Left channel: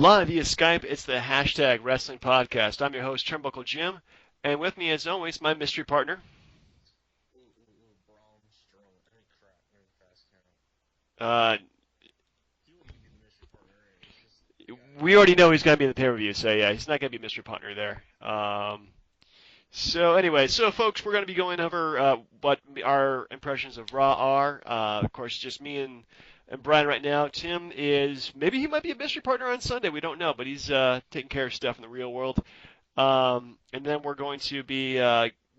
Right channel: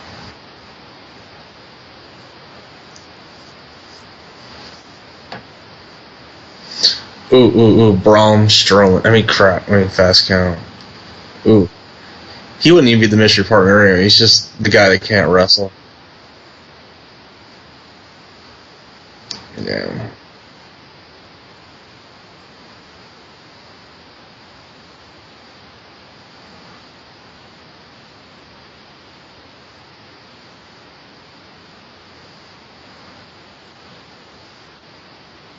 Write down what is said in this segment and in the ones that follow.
Live via Skype, it's the hashtag Wrestling Podcast. I'm your host, Turnbuckle Jim, and with me, as always, my mystery partner. Braun Strowman. Fast Count. Ooh. He wouldn't even be the mystery partner anyway. He's just the guy that can't wrestle. We already know he's going to be in the pay-per-view, so yeah, he's not going to be mystery partner there. Yeah. So anyway, folks, we're going to be going over what our impressions of Raw are. Of course, just me and Brian right now. Tim maybe he might be a mystery partner on Sunday. We don't know, but he's taking care of stuff in the real world. And then we're going to be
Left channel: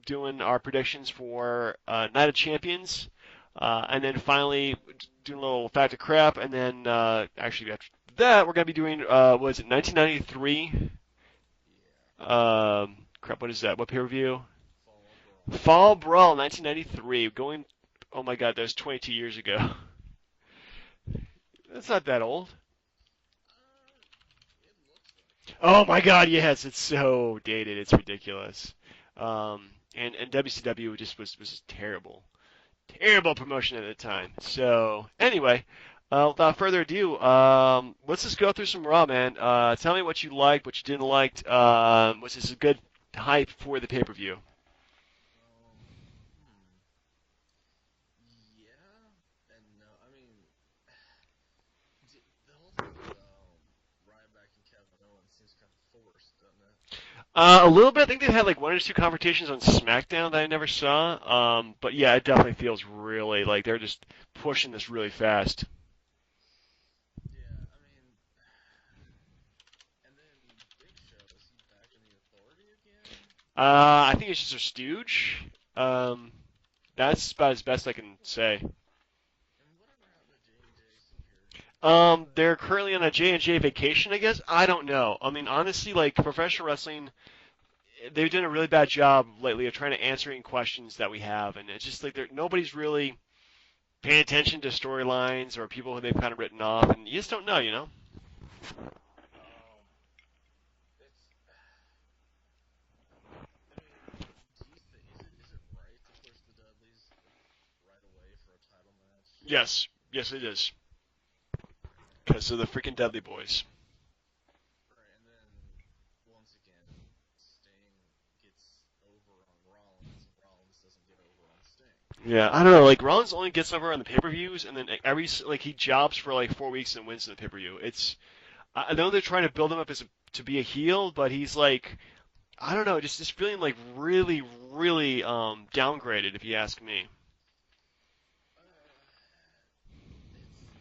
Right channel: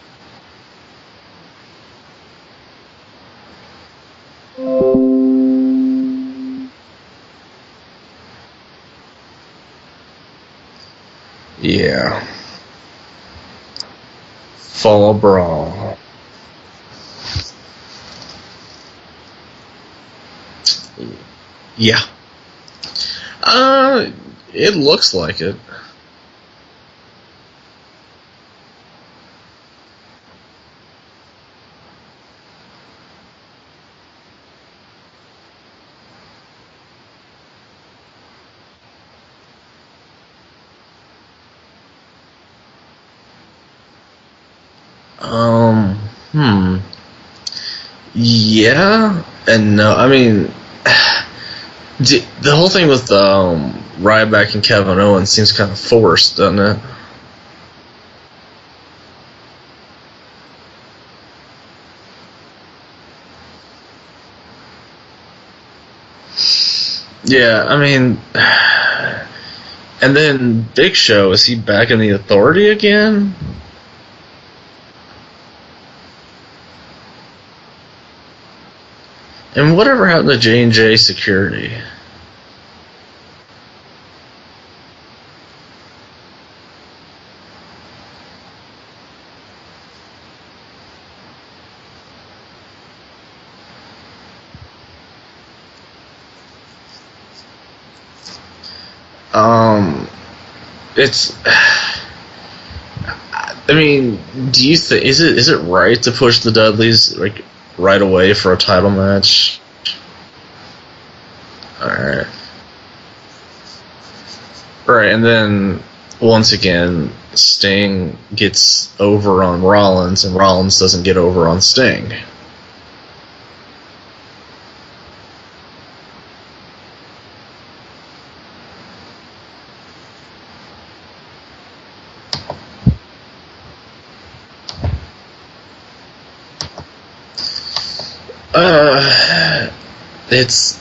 doing our predictions for Night of Champions. And then finally, do a little fact of crap. And then actually after that, we're going to be doing, 1993? Yeah. Crap, what is that? What pay-per-view? Fall Brawl. Fall Brawl, 1993. Oh my god, that was 22 years ago. Yeah. Is that old? It looks like it. Oh my god, yes, it's so dated, it's ridiculous. And WCW just was terrible. Terrible promotion at the time. So, anyway, without further ado, let's just go through some Raw, man. Tell me what you liked, what you didn't like. Was this a good hype for the pay-per-view? Yeah and no. I mean, the whole thing with Ryback and Kevin Owens seems kind of forced, doesn't it? A little bit. I think they've had like one or two confrontations on SmackDown that I never saw. But yeah, it definitely feels really like they're just pushing this really fast. Yeah, I mean, and then Big Show, is he back in the Authority again? I think it's just a stooge. That's about as best I can say. And whatever happened to J&J Security? They're currently on a J&J vacation, I guess. I don't know. I mean, honestly, like professional wrestling, they've done a really bad job lately of trying to answer any questions that we have, and it's just like nobody's really paying attention to storylines or people who they've kind of written off. And you just don't know, you know. It's. I mean, do you think is it right to push the Dudleys like right away for a title match? Yes, it is. All right. So the freaking Dudley boys. Right, and then once again, Sting gets over on Rollins, and Rollins doesn't get over on Sting. Yeah, I don't know. Like Rollins only gets over on the pay-per-views, and then he jobs for like 4 weeks and wins the pay-per-view. I know they're trying to build him up to be a heel, but he's like, I don't know, just feeling like really, really downgraded, if you ask me. It's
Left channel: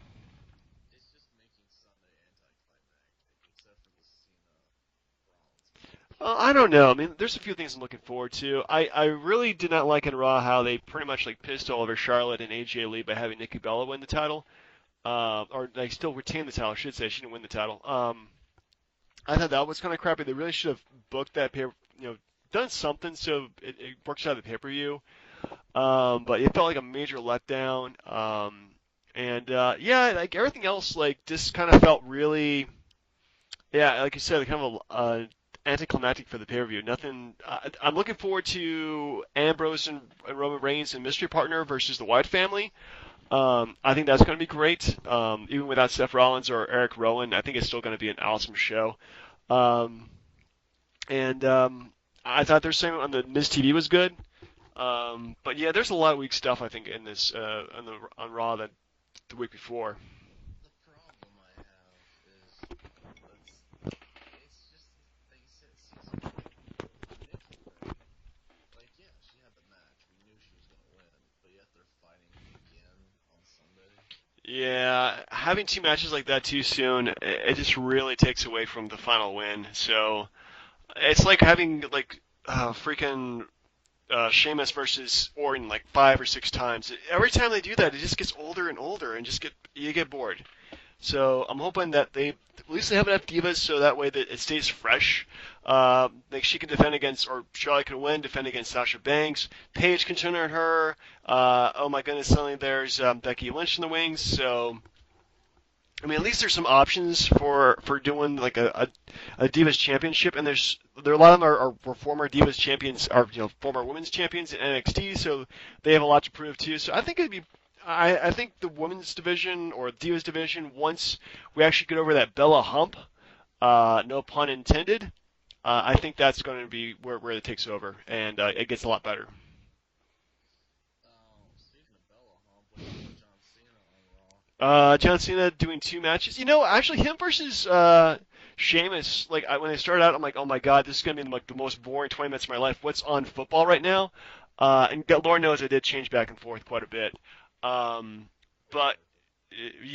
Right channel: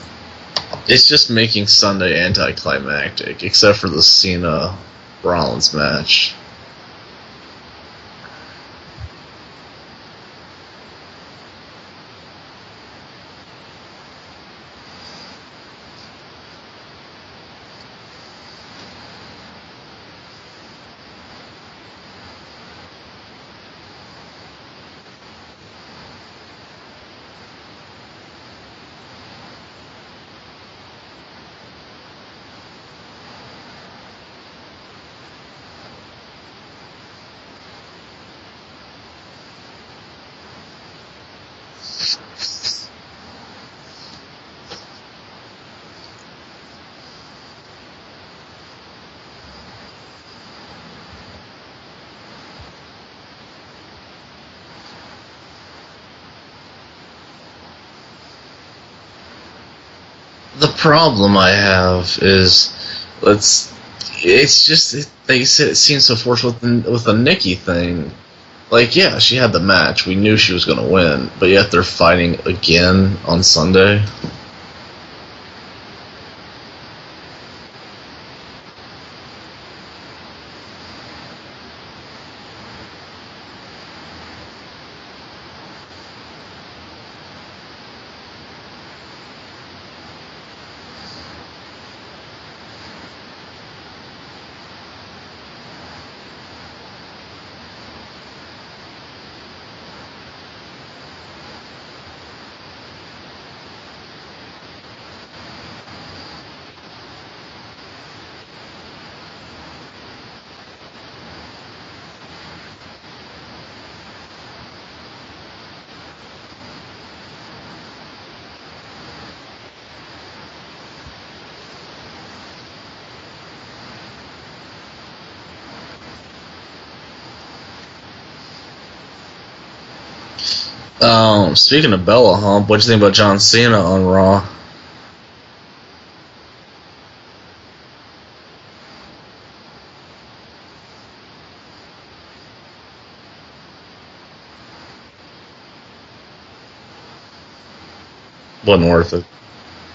just making Sunday anticlimactic, except for the Cena Rollins match. I don't know. I mean, there's a few things I'm looking forward to. I really did not like in Raw how they pretty much like pissed all over Charlotte and AJ Lee by having Nikki Bella win the title, or like still retain the title. I should say she didn't win the title. I thought that was kind of crappy. They really should have booked that done something so it works out the pay-per-view. But it felt like a major letdown. Yeah, like everything else, like this kind of felt really, yeah, like you said, kind of anticlimactic for the pay-per-view. Nothing. I'm looking forward to Ambrose and Roman Reigns and Mystery Partner versus the Wyatt family. I think that's going to be great. Even without Seth Rollins or Eric Rowan, I think it's still going to be an awesome show. I thought their segment on the Miz TV was good. But yeah, there's a lot of weak stuff I think in this on Raw than the week before. The problem I have is, like you said, it seems so forced with the Nikki thing. Like, yeah, she had the match. We knew she was going to win, but yet they're fighting again on Sunday. Yeah, having two matches like that too soon, it just really takes away from the final win. So it's like having like freaking Sheamus versus Orton like 5 or 6 times. And every time they do that, it just gets older and older, and you get bored. So I'm hoping that at least they have enough divas so that way that it stays fresh. Like she can defend against, or Charlotte can win, defend against Sasha Banks. Paige can turn on her. Oh my goodness, suddenly there's Becky Lynch in the wings. So I mean, at least there's some options for doing like a Divas Championship, and there are a lot of them are former Divas champions, or former women's champions in NXT, so they have a lot to prove too. So I think I think the women's division or Divas division, once we actually get over that Bella hump, no pun intended. I think that's going to be where it takes over, and it gets a lot better. Speaking of Bella Hump, what'd you think about John Cena on Raw? John Cena doing 2 matches. Actually, him versus Sheamus. Like when I started out, I'm like, oh my god, this is gonna be like the most boring 20 minutes of my life. What's on football right now? And Lord knows I did change back and forth quite a bit. Um, Wasn't but worth it.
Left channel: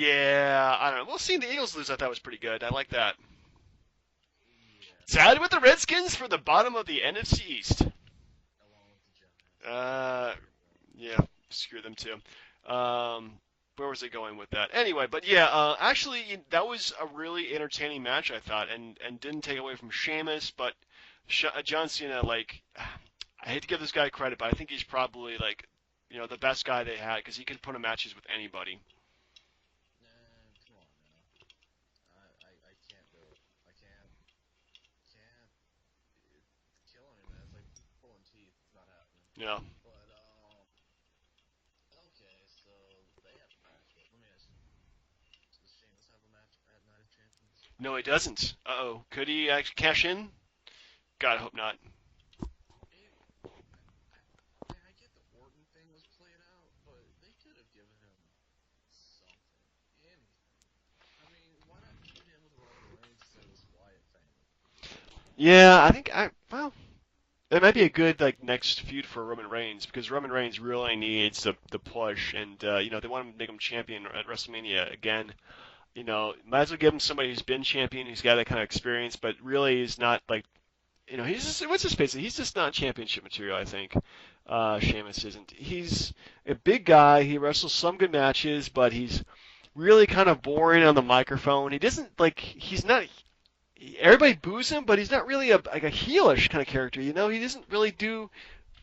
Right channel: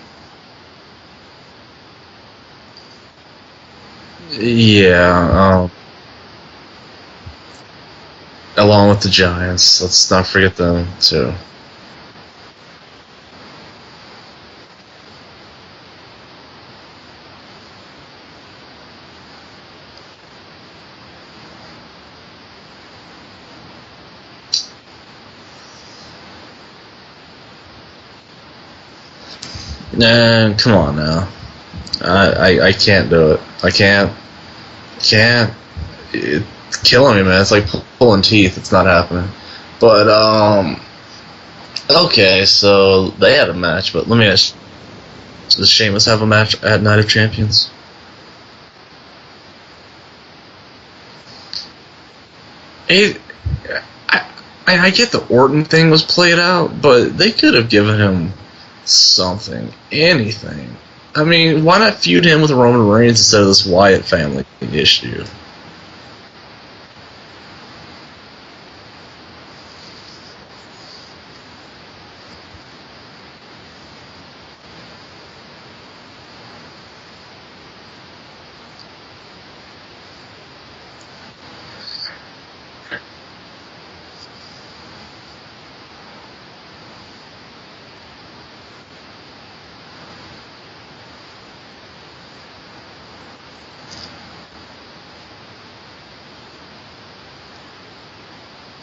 yeah, I don't know. Well, seeing the Eagles lose, I thought was pretty good. I like that. Yeah, Salad the Redskins for the bottom of the NFC East. along with the Giants. Let's not forget them too. Screw them too. Where was he going with that? Anyway, but yeah, actually, that was a really entertaining match, I thought, and didn't take away from Sheamus, but John Cena, like, I hate to give this guy credit, but I think he's probably, like, the best guy they had, because he can put a match with anybody. Nah, come on now. I can't do it. I can't. It's killing me, man. It's like pulling teeth. It's not happening. Yeah. But okay, so they had a match. But let me ask: does Sheamus have a match at Night of Champions? No, he doesn't. Uh-oh. Could he actually cash in? God, I hope not. It, I get the Orton thing was played out, but they could have given him something, anything. I mean, why not feud him with Roman Reigns instead of this Wyatt family issue? Yeah, I think well, it might be a good next feud for Roman Reigns because Roman Reigns really needs the push, and they want him to make him champion at WrestleMania again. Might as well give him somebody who's been champion, who's got that kind of experience, but really is not he's just, what's his face? He's just not championship material. I think Sheamus isn't. He's a big guy. He wrestles some good matches, but he's really kind of boring on the microphone. He doesn't he's not. Everybody boos him, but he's not really a heelish kind of character. He doesn't really do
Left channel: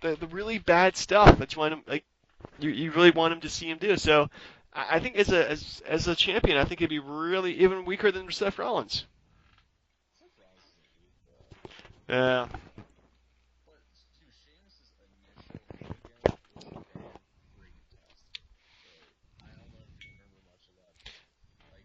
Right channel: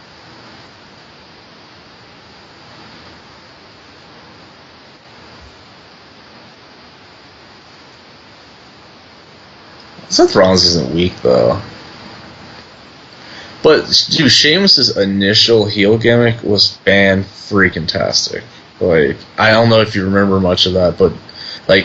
the really bad stuff. That's why you really want him to see him do. So I think as a champion, I think he'd be really even weaker than Seth Rollins. Seth Rollins isn't weak though. Yeah. But dude, Sheamus's initial heel gimmick was fan-freaking-tastic. Like, I don't know if you remember much of that, but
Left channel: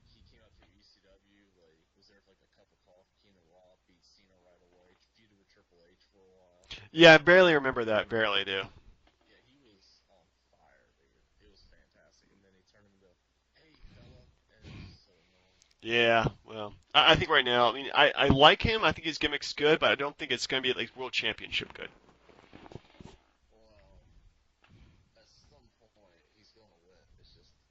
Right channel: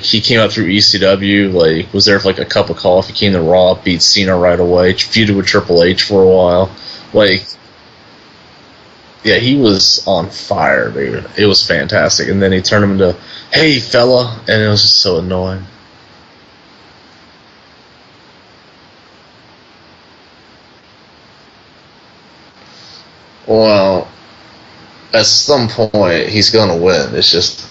he came out through ECW, was there for a cup of coffee, came to Raw, beat Cena right away, feuded with Triple H for a while. Yeah, I barely remember that. Barely do. Yeah, he was on fire, dude. It was fantastic. And then he turned him into, hey, fella, and it was just so annoying. Yeah. I think right now, I like him. I think his gimmick's good, but I don't think it's going to be World Championship good. Well, at some point, he's going to win. It's just,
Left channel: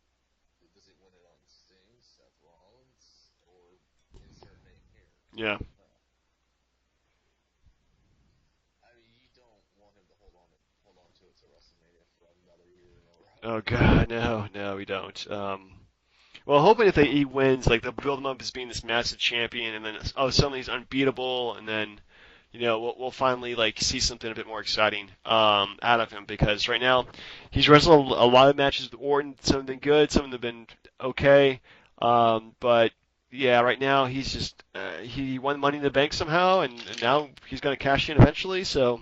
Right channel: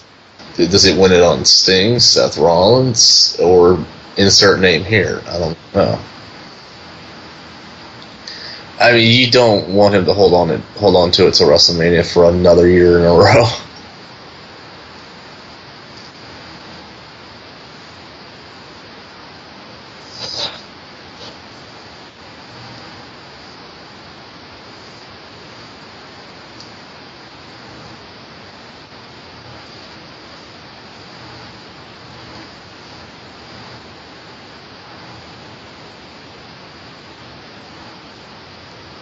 does he win it on Sting, Seth Rollins, or insert name here? I don't know. I mean, you don't want him to hold on to it till WrestleMania for another year in a row. Oh God, no, we don't. Well, hoping if he wins, they'll build him up as being this massive champion, and then suddenly he's unbeatable, and then we'll finally see something a bit more exciting out of him, because right now he's wrestled a lot of matches with Orton. Some have been good, some have been okay, but yeah, right now he's just he won Money in the Bank somehow, and now he's going to cash in eventually. So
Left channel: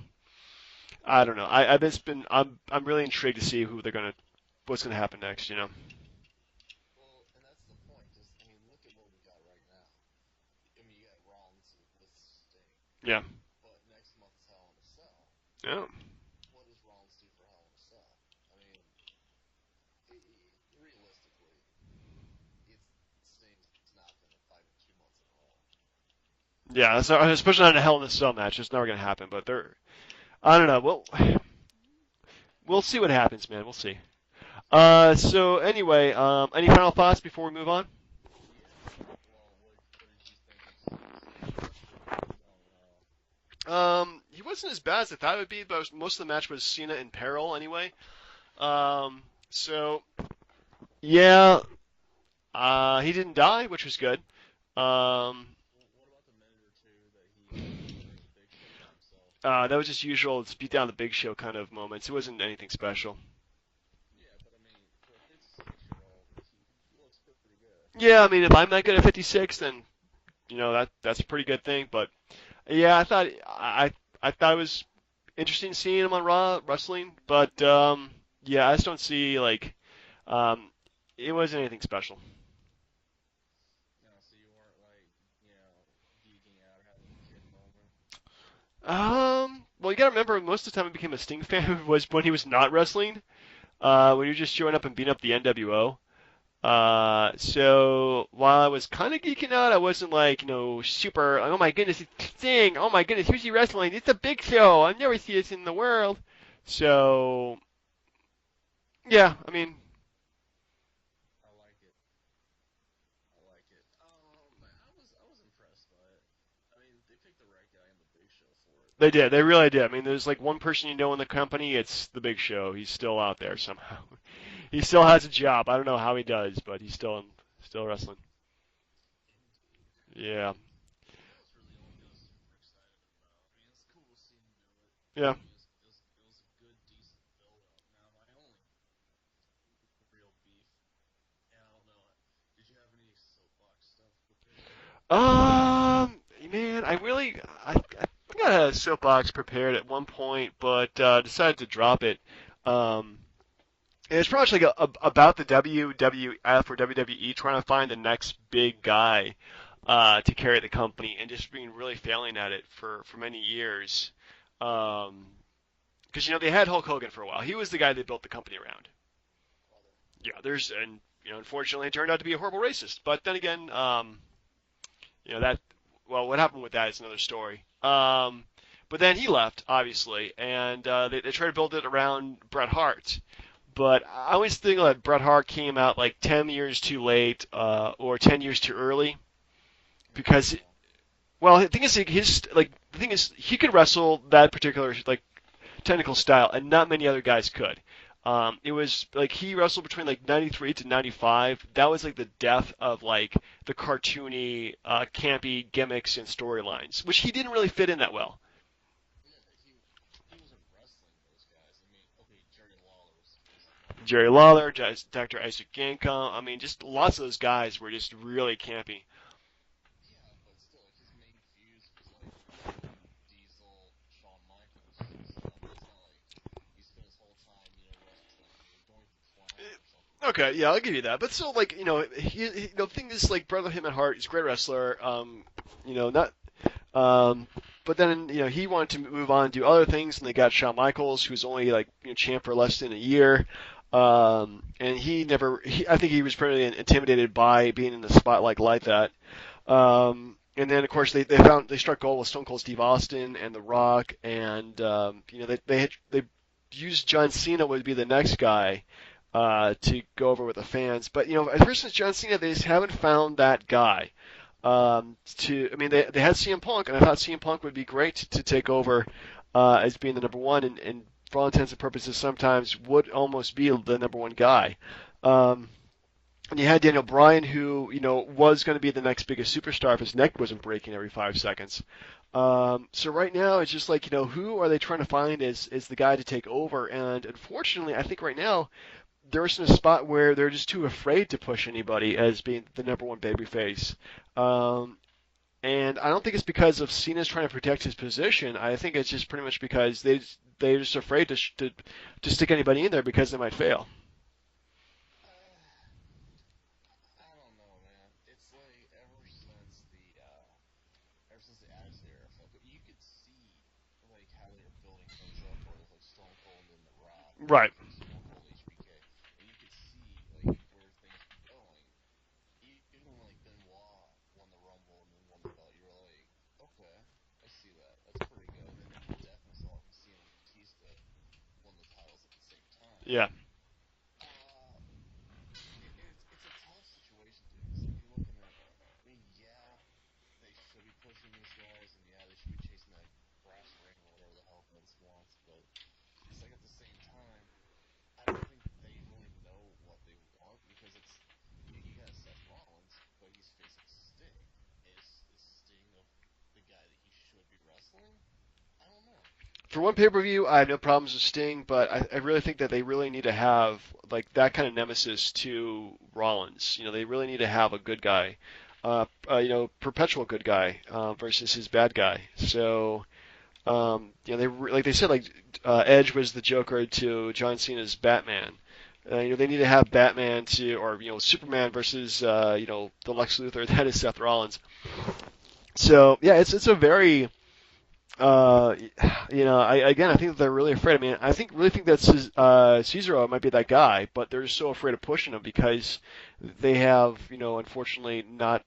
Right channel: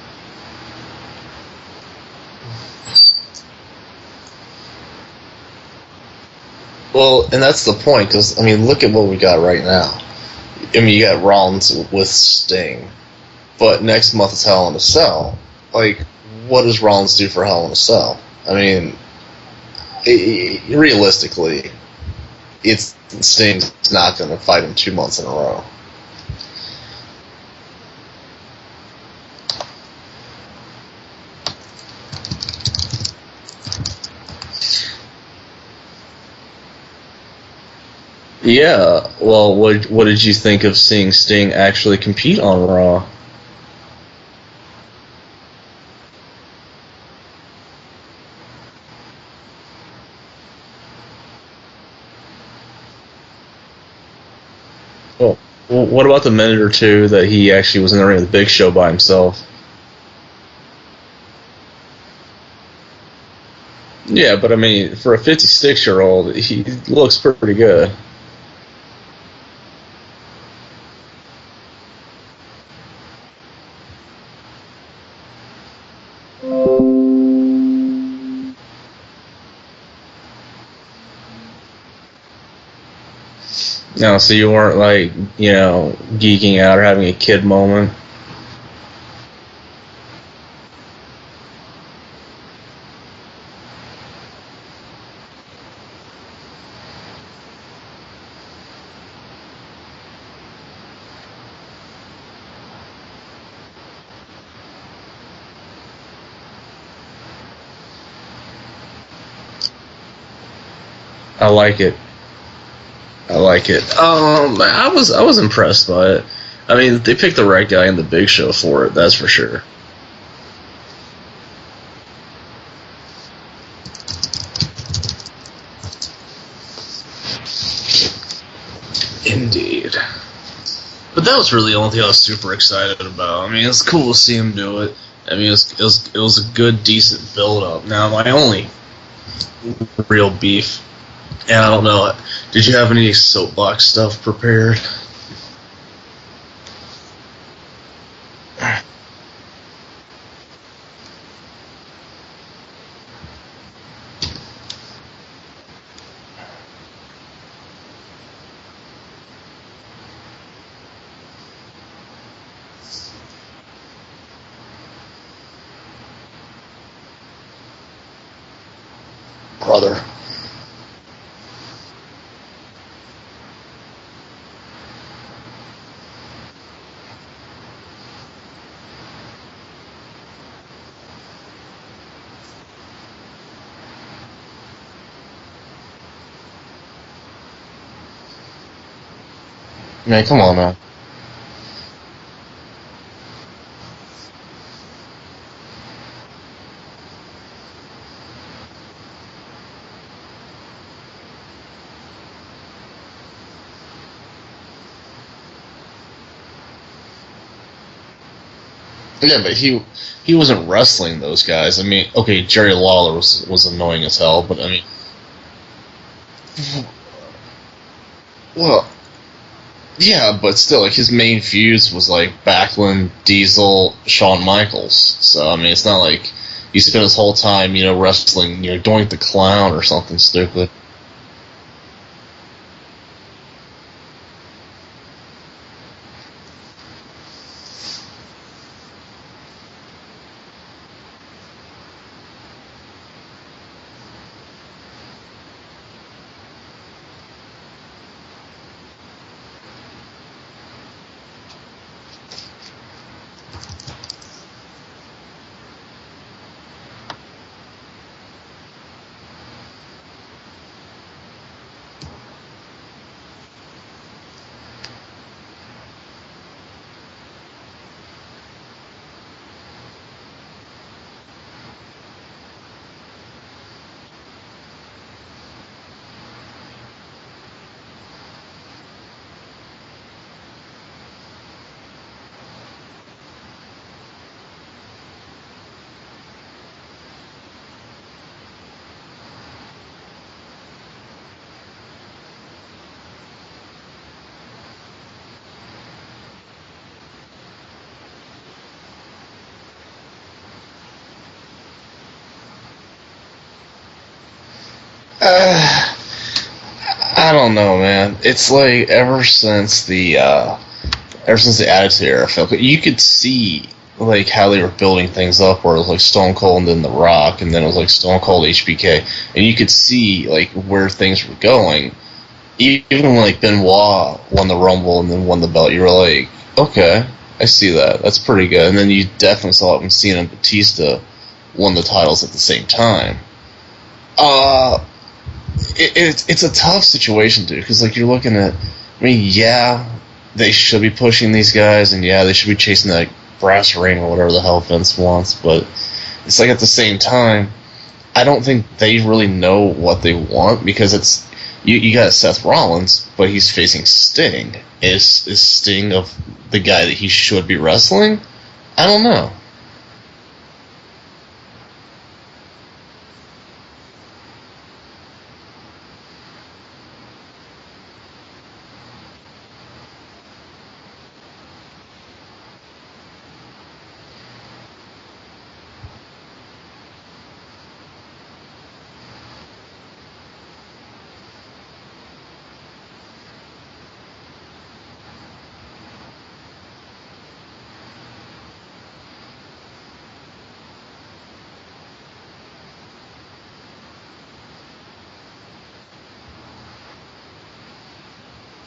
I don't know. I'm really intrigued to see what's going to happen next. Well, and that's the point, because, I mean, look at what we got right now. I mean, you got Rollins with Sting. Yeah. But next month is Hell in a Cell. Yeah. What does Rollins do for Hell in a Cell? I mean, realistically, Sting's not going to fight him 2 months in a row. Yeah, especially not in a Hell in a Cell match. It's never going to happen. But I don't know. We'll see what happens, man. We'll see. So anyway, any final thoughts before we move on? Yeah. Well, what did you think of seeing Sting actually compete on Raw? He wasn't as bad as I thought it would be, but most of the match was Cena in peril anyway. So yeah, he didn't die, which was good. Well, what about the minute or two that he actually was in the ring with the Big Show by himself? That was just usual beat down the Big Show kind of moments. It wasn't anything special. Yeah, but I mean, for a 56-year-old, he looks pretty good. Yeah, I mean, if I'm not good at 56, then that's a pretty good thing. But yeah, I thought it was interesting seeing him on Raw wrestling, but yeah, I just don't see it wasn't anything special. No, so you weren't like, geeking out or having a kid moment. Well, you gotta remember, most of the time I became a Sting fan was when he was not wrestling, when he was just showing up and beating up the NWO. So while I was kind of geeking out, I wasn't like, super, oh my goodness, it's Sting, oh my goodness, who's he wrestling? It's a big show, I've never seen this in the world. So, yeah, I mean, I like it. I like it. I was impressed by it. I mean, they picked the right guy in the Big Show for it. they That's for did, they sure. really did. I mean, there's like one person you know in the company, it's the Big Show. He's still out there somewhere. He still has a job. I don't know how he does, but he's still Indeed. yeah. But that was really the only thing I was super excited about. I mean, it's cool to see him do it. Yeah. I mean, it was a good, decent build up. Now, my only real beef, and I don't know, did you have any soapbox stuff prepared? Man, I think I had a soapbox prepared at one point, but decided to drop it. Um, and it's pretty much like about the WWF or WWE trying to find the next big guy to carry the company and just being really failing at it for many years. Because they had Hulk Hogan for a while. He was the guy they built the company around. Brother. And unfortunately, it turned out to be a horrible racist. But then again, that, well, what happened with that is another story. But then he left, obviously, and they tried to build it around Bret Hart. But I always think that Bret Hart came out like 10 years too late or 10 years too early. Man, come on now. Well, the thing is, he could wrestle that particular like technical style, and not many other guys could. It was like he wrestled between like 93 to 95. That was like the death of like the cartoony, campy gimmicks and storylines, which he didn't really fit in that well. Yeah, but he wasn't wrestling those guys. I mean, okay, Jerry Lawler was annoying as Jerry hell. Lawler, But I mean, Dr. Isukenko, I mean, lots of those guys were just really well, campy. yeah, but still, like his main feuds was like Backlund, Diesel, Shawn Michaels. So I mean, it's not like he spent his whole time, wrestling, Doink the Clown or something Okay, stupid. yeah, I'll give you that. But still, like, the thing is, like, brother him at heart, he's a great wrestler. Not. But then, he wanted to move on and do other things, and they got Shawn Michaels, who's only like a champ for less than a year. And he never. I think he was pretty intimidated by being in the spotlight like that. And then, of course, they struck gold with Stone Cold Steve Austin and The Rock, and they used John Cena would be the next guy to go over with the fans. But ever since John Cena, they just haven't found that guy. They had CM Punk, and I thought CM Punk would be great to take over as being the number one, and for all intents and purposes, sometimes would almost be the number one guy. And you had Daniel Bryan, who was going to be the next biggest superstar if his neck wasn't breaking every 5 seconds. So right now, it's just like, who are they trying to find as the guy to take over? And unfortunately, I think right now, they're in a spot where they're just too afraid to push anybody as being the number one babyface. And I don't think it's because of Cena's trying to protect his position. I think it's just pretty much because they're just afraid to stick anybody in there because they might fail. Uh, I don't know, man. It's like ever since the Attitude Era, I felt like you could see like how they were building things up, where it was like Stone Cold and then The Rock, and then it was like Stone Cold HBK, and you could see like where things were going. Even when like Benoit won the Rumble and then won the belt, you were like, okay, I see that. That's pretty good. And then you definitely saw it when Cena and Batista won the titles at the same time. Yeah. It's a tough situation, dude, because like you're looking at, I mean, yeah, they should be pushing these guys, and yeah, they should be chasing that brass ring or whatever the hell Vince wants, but it's like at the same time, I don't think they really know what they want, because it's you got Seth Rollins, but he's facing Sting. Is Sting of the guy that he should be wrestling? I don't know. For one pay-per-view, I have no problems with Sting, but I really think that they really need to have like that kind of nemesis to Rollins. They really need to have a good guy, perpetual good guy versus his bad guy. So, like they said, like Edge was the Joker to John Cena's Batman. They need to have Batman or Superman versus the Lex Luthor that is Seth Rollins. So yeah, it's a very uh, I think that they're really afraid. I mean, really think that Cesaro might be that guy, but they're so afraid of pushing him because they have unfortunately not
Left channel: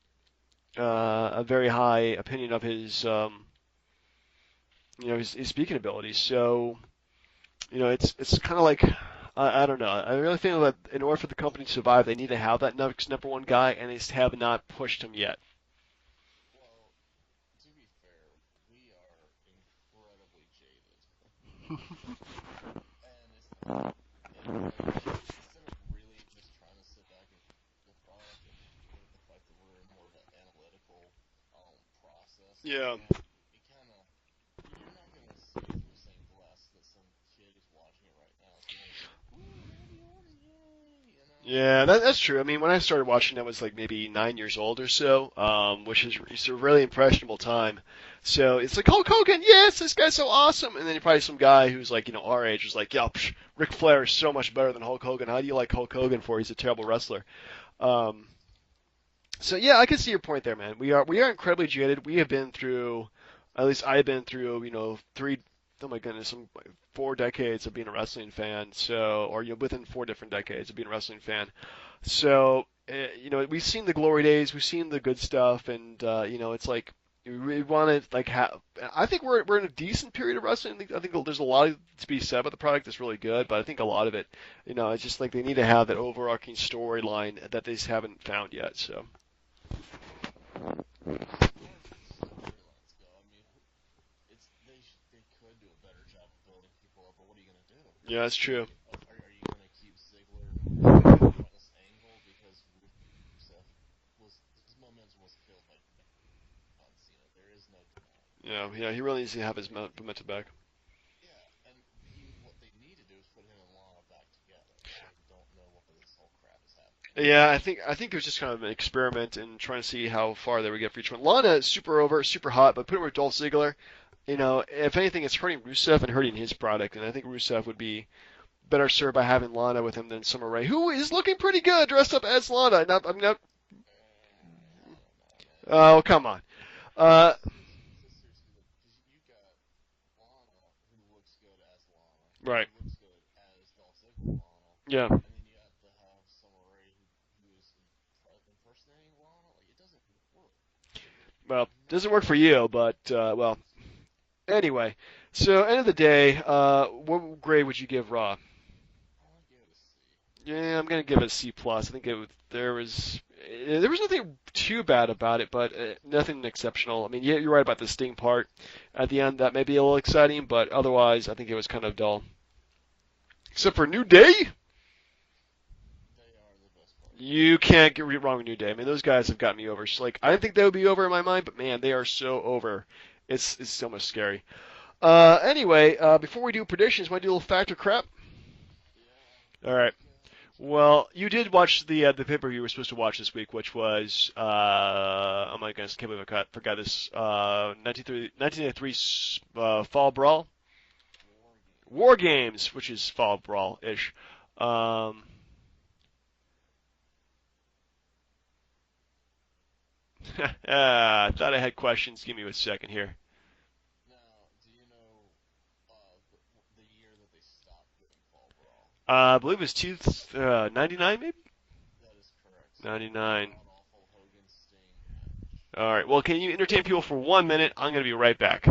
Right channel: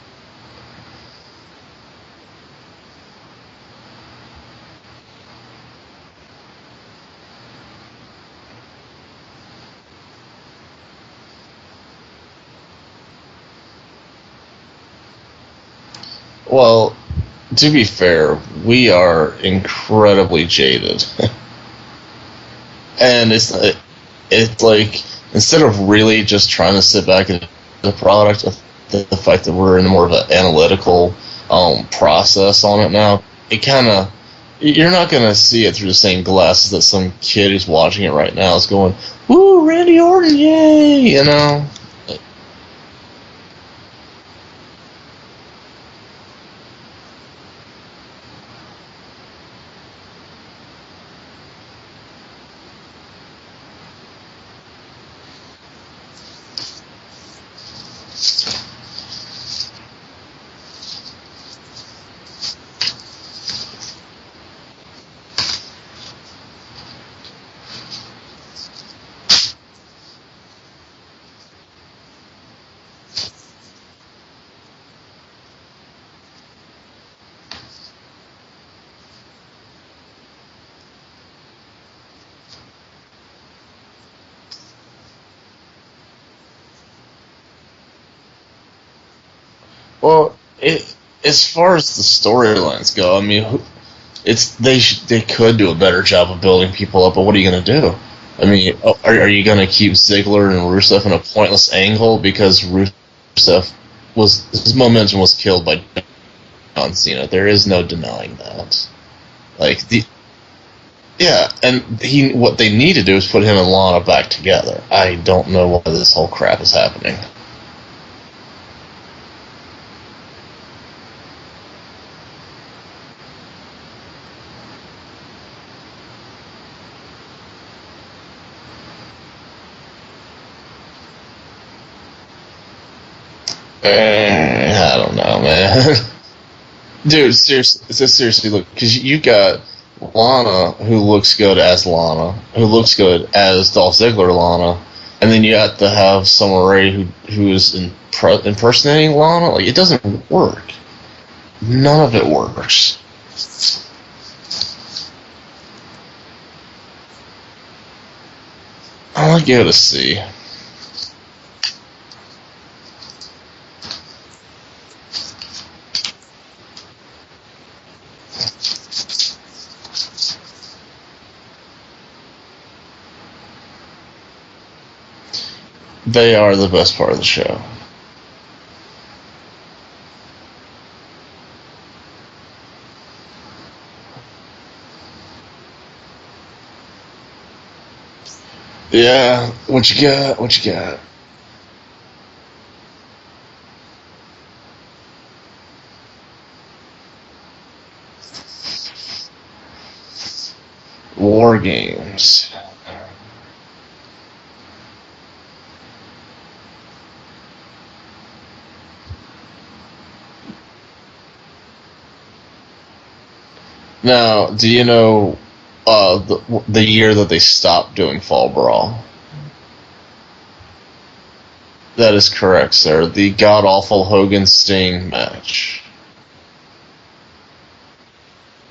a very high opinion of his speaking abilities. So it's kind of like I don't know. I really think that in order for the company to survive, they need to have that next number one guy, and they have not pushed him yet. Well, to be fair, we are incredibly jaded, and it's like instead of really just trying to sit back and the product, the fact that we're in more of an analytical process on it now, it kind of you're not gonna see it through the same glasses that some kid who's watching it right now is going, "Woo, Randy Orton, yay!" You know. Yeah, that's true. I mean, when I started watching, I was like maybe 9 years old or so, which is just a really impressionable time. So it's like Hulk Hogan, yes, this guy's so awesome, and then you probably some guy who's like our age is like, yeah, Ric Flair is so much better than Hulk Hogan. How do you like Hulk Hogan for? He's a terrible wrestler. So yeah, I can see your point there, man. We are incredibly jaded. We have been through, at least I've been through, oh my goodness, 4 decades of being a wrestling fan. So within 4 different decades of being a wrestling fan. So we've seen the glory days, we've seen the good stuff, and it's like we want to like have. I think we're in a decent period of wrestling. I think there's a lot to be said about the product that's really good, but I think a lot of it, it's just like they need to have that overarching storyline that they just haven't found yet. So. Well, as far as the storylines go, I mean, they could do a better job of building people up, but what are you going to do? Yeah, that's I mean, are you going to keep Ziggler and Rusev in a pointless angle because Rusev his momentum was killed by John Cena? There is no denying that. Yeah, he really needs to have like back. Yeah, and what they need to do is put him and Lana back together. I don't know why this whole crap is happening. Yeah, I think it was just kind of an experiment and trying to see how far they would get for each one. Lana is super over, super hot, but putting her with Dolph Ziggler, if anything, it's hurting Rusev and hurting his product. And I think Rusev would be better served by having Lana with him than Summer Rae, who is looking pretty good dressed up as Lana. I don't know, man. Oh, come on. Dude, seriously, look, because you got Lana, who looks good as Lana, right, who looks good as Dolph Ziggler Lana, yeah, and then you have to have Summer Rae who is impersonating Lana. Like, it doesn't work. well, None of it works. works. But anyway, so end of the day, what grade would you give Raw? I'll give it a C. Yeah, I'm gonna give it a C plus. There was nothing too bad about it, but nothing exceptional. I mean, yeah, you're right about the Sting part at the end. That may be a little exciting, but otherwise, I think it was kind of dull. Except for New Day. They are the best part of the show. You can't get wrong with New Day. I mean, those guys have got me over. So, I didn't think they would be over in my mind, but man, they are so over. It's so much scary. Anyway, before we do predictions, want to do a little fact or crap? Yeah. What you got? Well, you did watch the pay-per-view you were supposed to watch this week, which was oh my goodness, can't believe I forgot this. 1993 Fall Brawl. War Games. War Games, which is Fall Brawl-ish. I thought I had questions. Give me a second here. Now, do you know the year that they stopped doing Fall Brawl? I believe it was 99, maybe? That is correct, sir. The Right. god-awful Hogan-Sting match. All right. Well, can you entertain people for 1 minute? I'm going to be right back.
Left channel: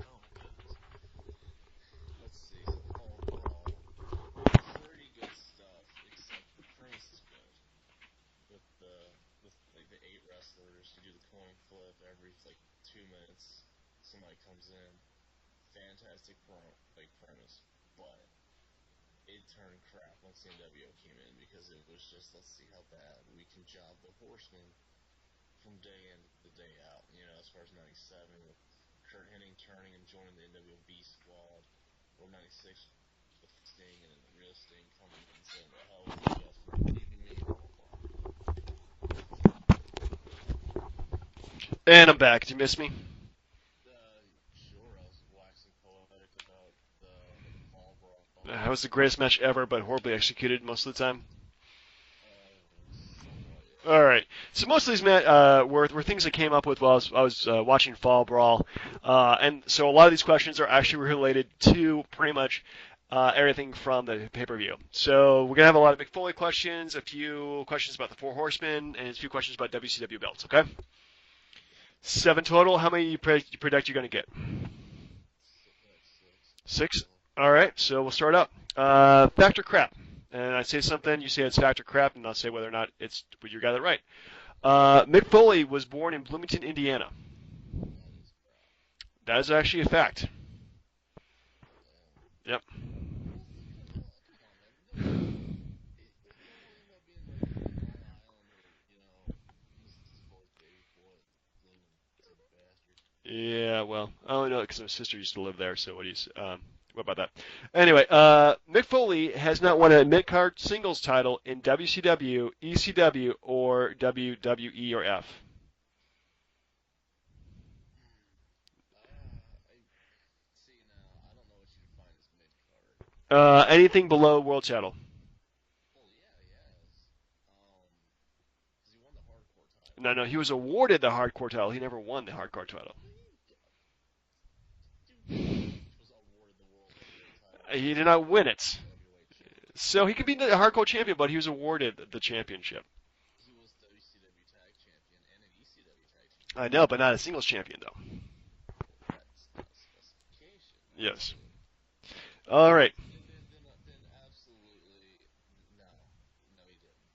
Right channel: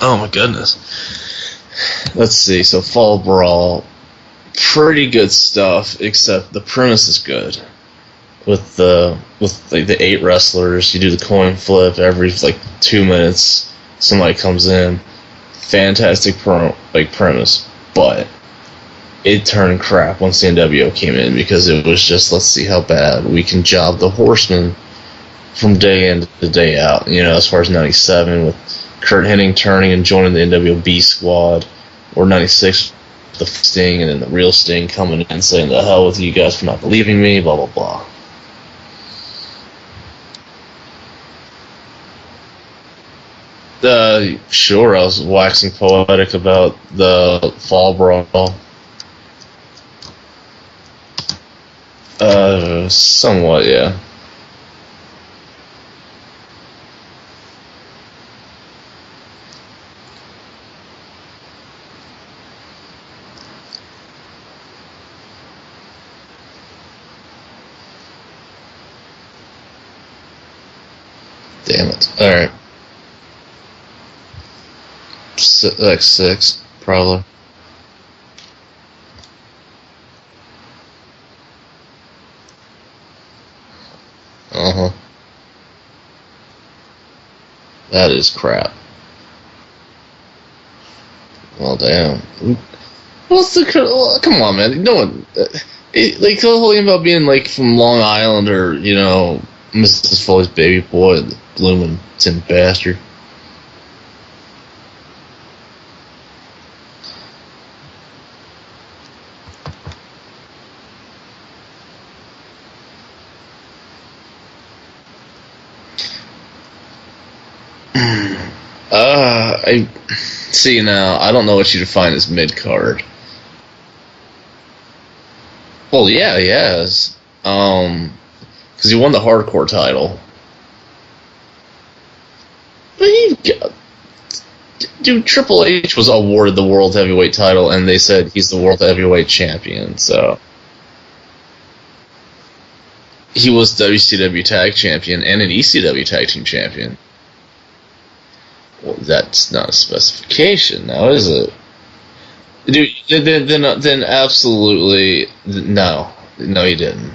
Oh my goodness. Let's see. So Fall Brawl, pretty good stuff, except the premise is good. With the 8 wrestlers, you do the coin flip every 2 minutes. Somebody comes in. Fantastic premise, but it turned crap once the NWO came in because it was just, let's see how bad we can job the Horsemen from day in to day out. As far as 97 with Kurt Hennig turning and joining the NWO B squad, or 96 the Sting, and then the real Sting coming in and saying, "The hell with you guys for not believing me," blah blah blah. And I'm back. Did you miss me? Sure, I was waxing poetic about the Fall Brawl. That was the greatest match ever, but horribly executed most of the time. Somewhat, yeah. All right. So most of these were things I came up with while I was watching Fall Brawl, and so a lot of these questions are actually related to pretty much everything from the pay-per-view. So we're gonna have a lot of Mick Foley questions, a few questions about the Four Horsemen, and a few questions about WCW belts. Okay. Damn it. So All right. total, how many you predict you're gonna get? Like six, probably. All right. So we'll start up. Factor crap. And I say something, you say it's factor crap, and I'll say whether or not it's you got it right. Mick Foley was born in Bloomington, Indiana. That is crap. That is actually a fact. Well, damn. Yep. Come on, man. No one. Like, the whole thing about being, like, from Long Island or, Mrs. Foley's baby boy, the Bloomington bastard. Yeah, well, I only know because my sister used to live there, so what about that? Anyway, Mick Foley has not won a mid-card singles title in WCW, ECW, or WWE or F. I see now. I don't know what you define as mid-card. Anything below world title. Well, yeah, he has. Because he won the hardcore title. I know, he was awarded the hardcore title. He never won the hardcore title. But dude, Triple H was awarded the World Heavyweight title, and they said he's the World Heavyweight Champion. So he did the hardcore champion, but he was awarded the championship. He was WCW Tag Champion and an ECW Tag Team Champion. No, but not a singles champion, though. Well, that's not a specification, now, is it? Dude, right. then absolutely no. No, he didn't.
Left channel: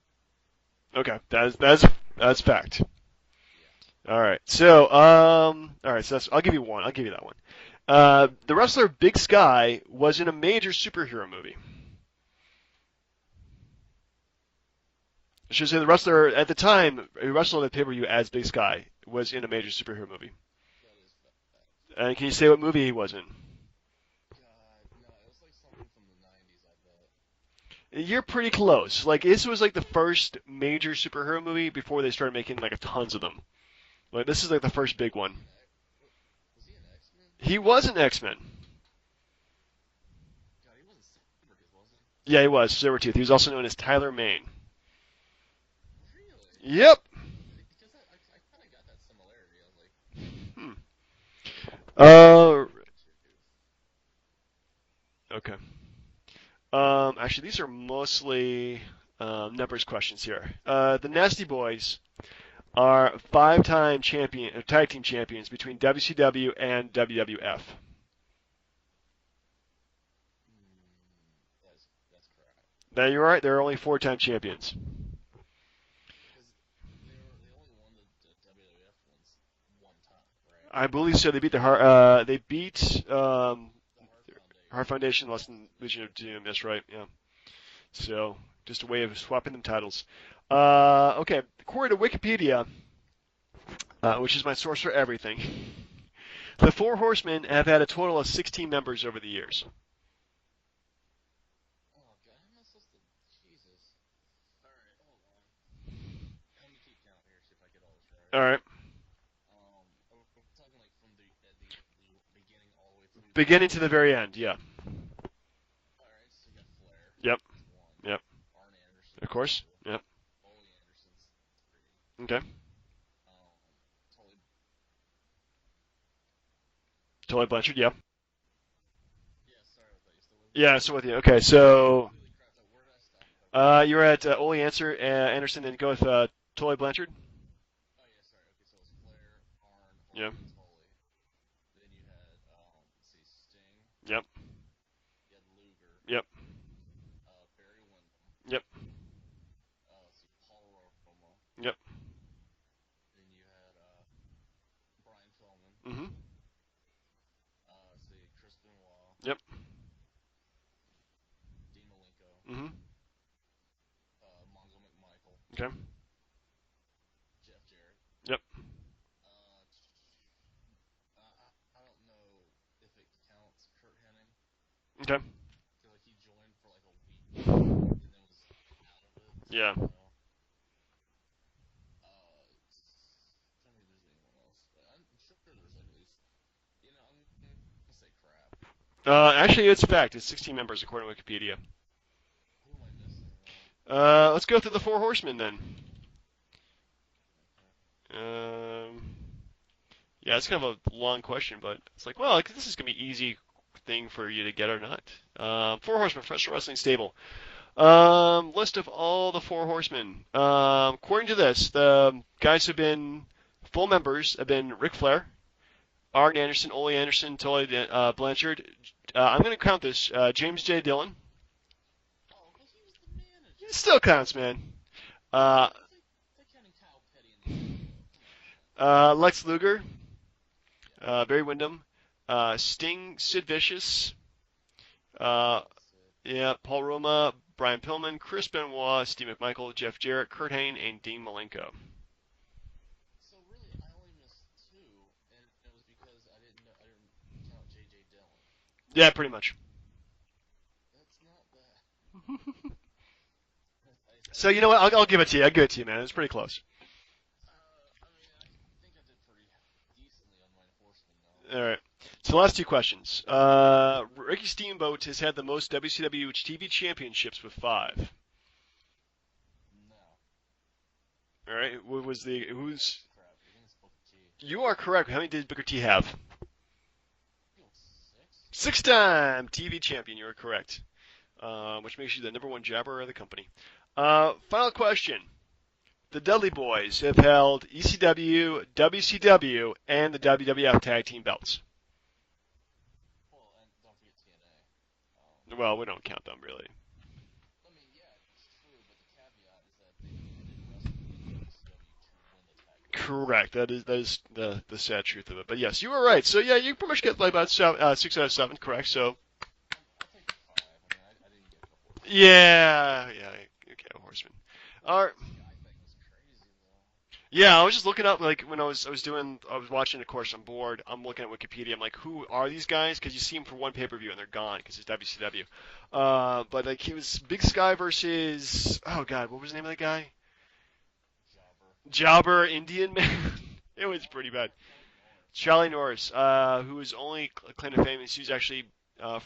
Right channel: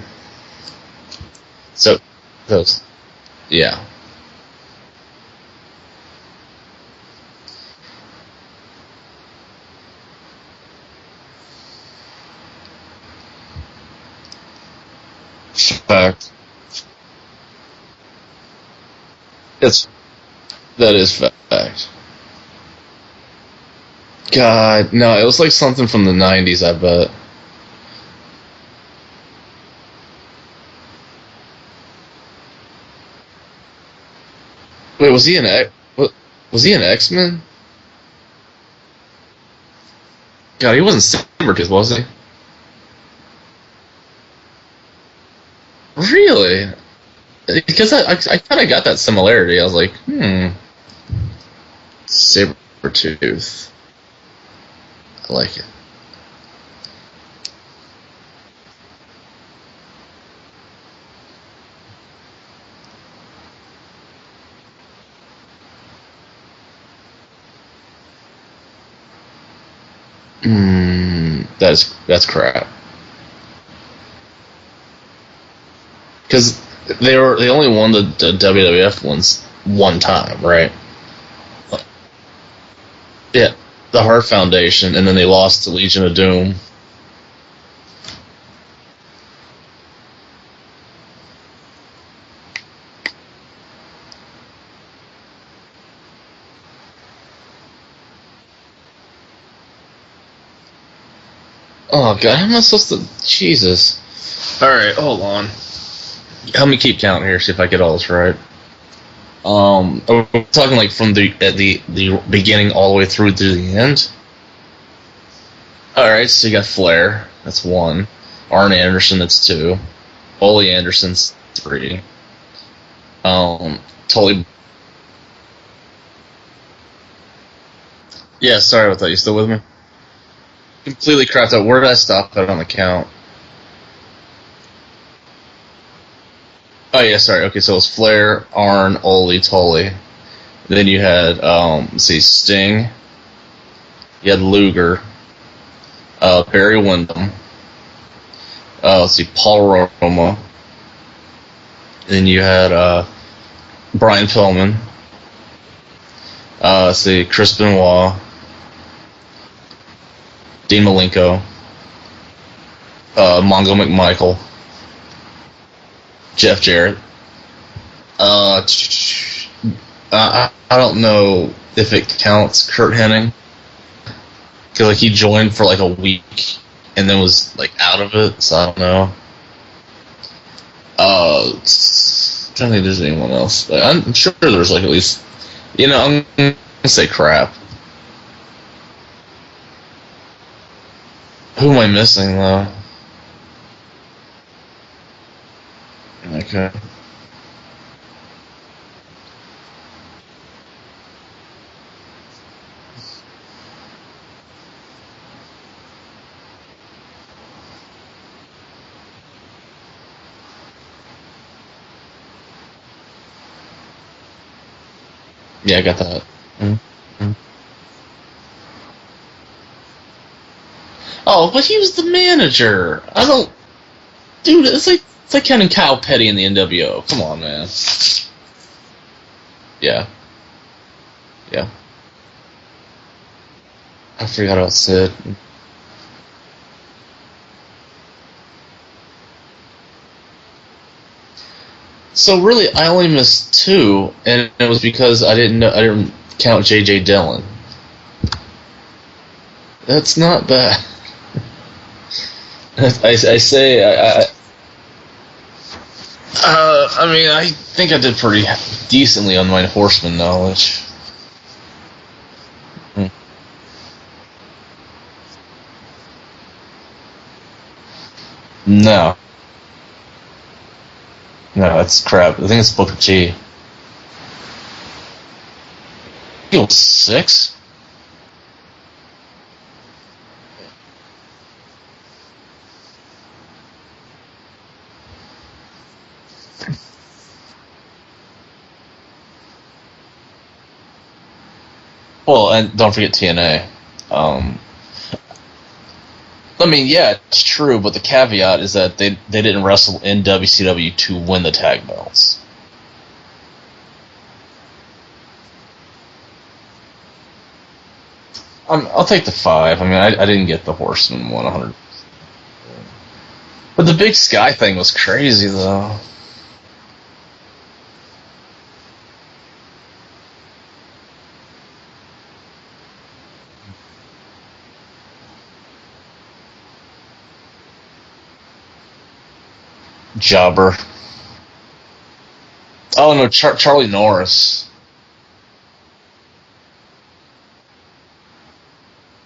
Okay, that's fact. Yeah. All right. So I'll give you one. I'll give you that one. The wrestler Big Sky was in a major superhero movie. The wrestler at the time, who wrestled at pay-per-view as Big Sky, was in a major superhero movie. That is fact. And can you say what movie he was in? God, no, it was like something from the 90s, I bet. You're pretty close. Like, this was like the first major superhero movie before they started making like tons of them. Like, this is like the first. Wait, was he an X-Men? He was an X-Men. God, he wasn't Sabretooth, was he? Yeah, he was Sabretooth. He was also known as Tyler Mane. Really? Yep. Because I kind of got that similarity. I was like, Sabretooth. I like it. Actually, these are mostly numbers questions here. The Nasty Boys are 5-time tag team champions between WCW and WWF. That's crap. Now you're right. They're only 4-time champions. Because they only won the WWF ones one time, right? I believe so. They beat the the Hart Foundation, and then they lost to Legion of Doom. That's right. Yeah. So just a way of swapping the titles. Okay. According to Wikipedia, which is my source for everything, the Four Horsemen have had a total of 16 members over the years. Oh God, how am I supposed to? Jesus. All right, hold on. Help me keep counting here. See if I get all this right. All right. We're talking like from the beginning all the way through to the end. The very end, yeah. All right, so you got Flair. Yep. That's 1. Yep. Arn Anderson. That's 2. Yep. Ole Anderson's 3. Okay. Tully Blanchard. Yep. Yeah, sorry about that. You still with me? Yeah. So completely crapped out. Where did I stop that on the count? You're at Ole Anderson, and go with Tully Blanchard. Oh yeah, sorry. Okay, so it was Flair, Arn, Ole, Tully. Yep. Then you had Sting. Yep. You had Luger. Yep. Barry Windham. Yep. Let's see, Paul Roma. Yep. Then you had Brian Pillman. Let's see, Chris Benoit. Yep. Dean Malenko. Mongo McMichael. Okay. Jeff Jarrett. I don't know if it counts Kurt Hennig. Because like, he joined for like a week and then was like out of it, so I don't know. Yeah. I don't think there's anyone else. I'm sure there's like at least You know, I'm gonna say crap. Actually, it's fact. It's 16 members according to Wikipedia. Who am I missing though? Let's go through the four horsemen then. Okay. Yeah, it's kind of a long question, but it's like, well, this is gonna be easy thing for you to get or not. Four horsemen, professional wrestling stable. List of all the four horsemen. According to this, the guys who've been full members have been Ric Flair, Yeah, I got that. Martin Anderson, Ole Anderson, Tully Blanchard. I'm going to count this. James J. Dillon. Oh, but he was the manager. I don't. It still counts, man. Dude, it's like counting Kyle Petty in the NWO. Come on, man. Lex Luger. Yeah. Barry Windham. Sting, Sid Vicious. I forgot about Sid. Yeah, Paul Roma, Brian Pillman, Chris Benoit, Steve McMichael, Jeff Jarrett, Kurt Hain, and Dean Malenko. So really, I only missed two, and it was because I didn't count J.J. Dillon. Yeah, pretty much. That's not bad. I say. So you know what? I'll give it to you. I'll give it to you, man. It's pretty cool. I mean, I think I did pretty decently on my horseman knowledge. All right. So last two questions. Ricky Steamboat has had the most WCW TV championships with 5. No. No, that's crap. I think it's Booker T. You are correct. How many did Booker T have? He was 6. 6-time TV champion. You are correct. Which makes you the #1 jabber of the company. Final question. The Dudley Boys have held ECW, WCW, and the WWF Tag Team belts. Well, and don't forget TNA. Well, we don't count them. I mean, yeah, it's true, but the caveat is that they didn't wrestle in WCW to win the tag belts. Correct. That is the sad truth of it. But yes, you were right. So yeah, you pretty much get like about 6 out of 7. I'll take the 5. I mean, I didn't get the Horseman 100. Yeah. But the Big Sky thing was crazy, though. Yeah, I was just looking up, like, when I was watching the course on board, I'm looking at Wikipedia, I'm like, who are these guys? Because you see them for one pay-per-view and they're gone, because it's WCW. But, like, he was Big Sky versus, oh, God, what was the name of that guy? Jobber. Jobber Indian? Oh, no, Charlie Norris. Charlie Norris, whose only claim to fame is he's actually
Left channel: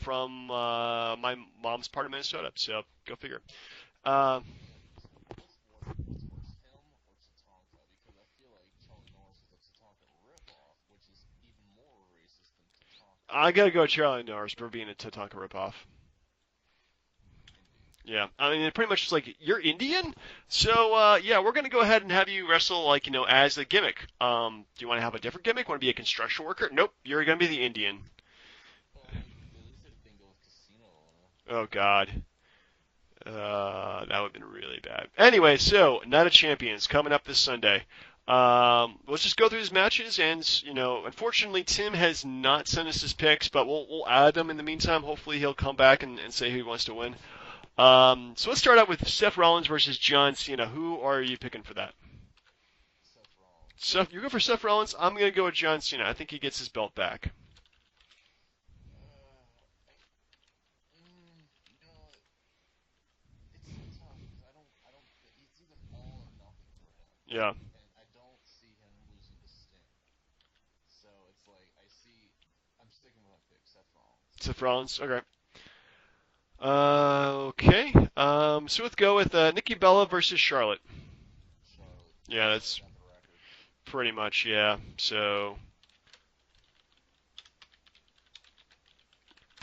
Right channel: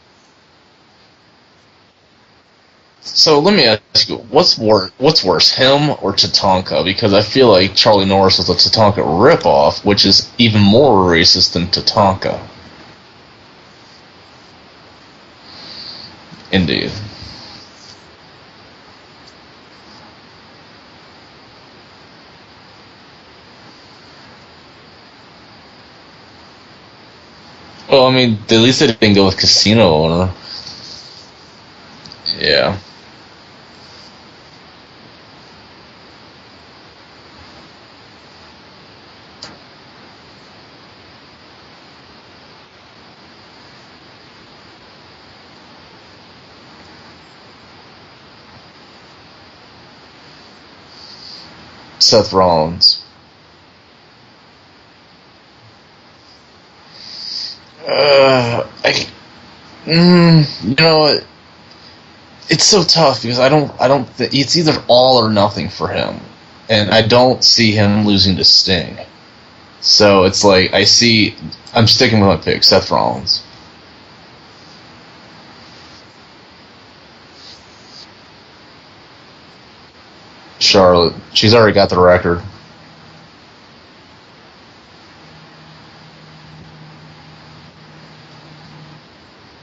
from my mom's part of Minnesota. So let me ask you, what's worse, him or Tatanka? Because I feel like Charlie Norris was a Tatanka ripoff, which is even more racist than Tatanka. I gotta go Charlie Norris for being a Tatanka ripoff. Indeed. Yeah, I mean, pretty much just like, you're Indian? So, yeah, we're gonna go ahead and have you wrestle, like, as the gimmick. Do you want to have a different gimmick? Want to be a construction worker? Nope, you're gonna be the Indian. Well, I mean, at least they didn't go with casino owner. Oh, God. Yeah. That would have been really bad. Anyway, so, Night of Champions coming up this Sunday. Let's just go through his matches, and, unfortunately, Tim has not sent us his picks, but we'll add them in the meantime. Hopefully he'll come back and say who he wants to win. So let's start out with Seth Rollins versus John Cena. Who are you picking for that? Seth Rollins. Seth, you go for Seth Rollins. I'm gonna go with John Cena. I think he gets his belt back. You know what? It's so tough because I don't. It's either all or nothing for him, and I don't see him losing to Sting. So it's like I'm sticking with my pick, Seth Rollins. Seth Rollins. Okay. Okay. So let's go with Nikki Bella versus Charlotte. Charlotte. She's already got the record. Yeah, that's pretty much, yeah. So,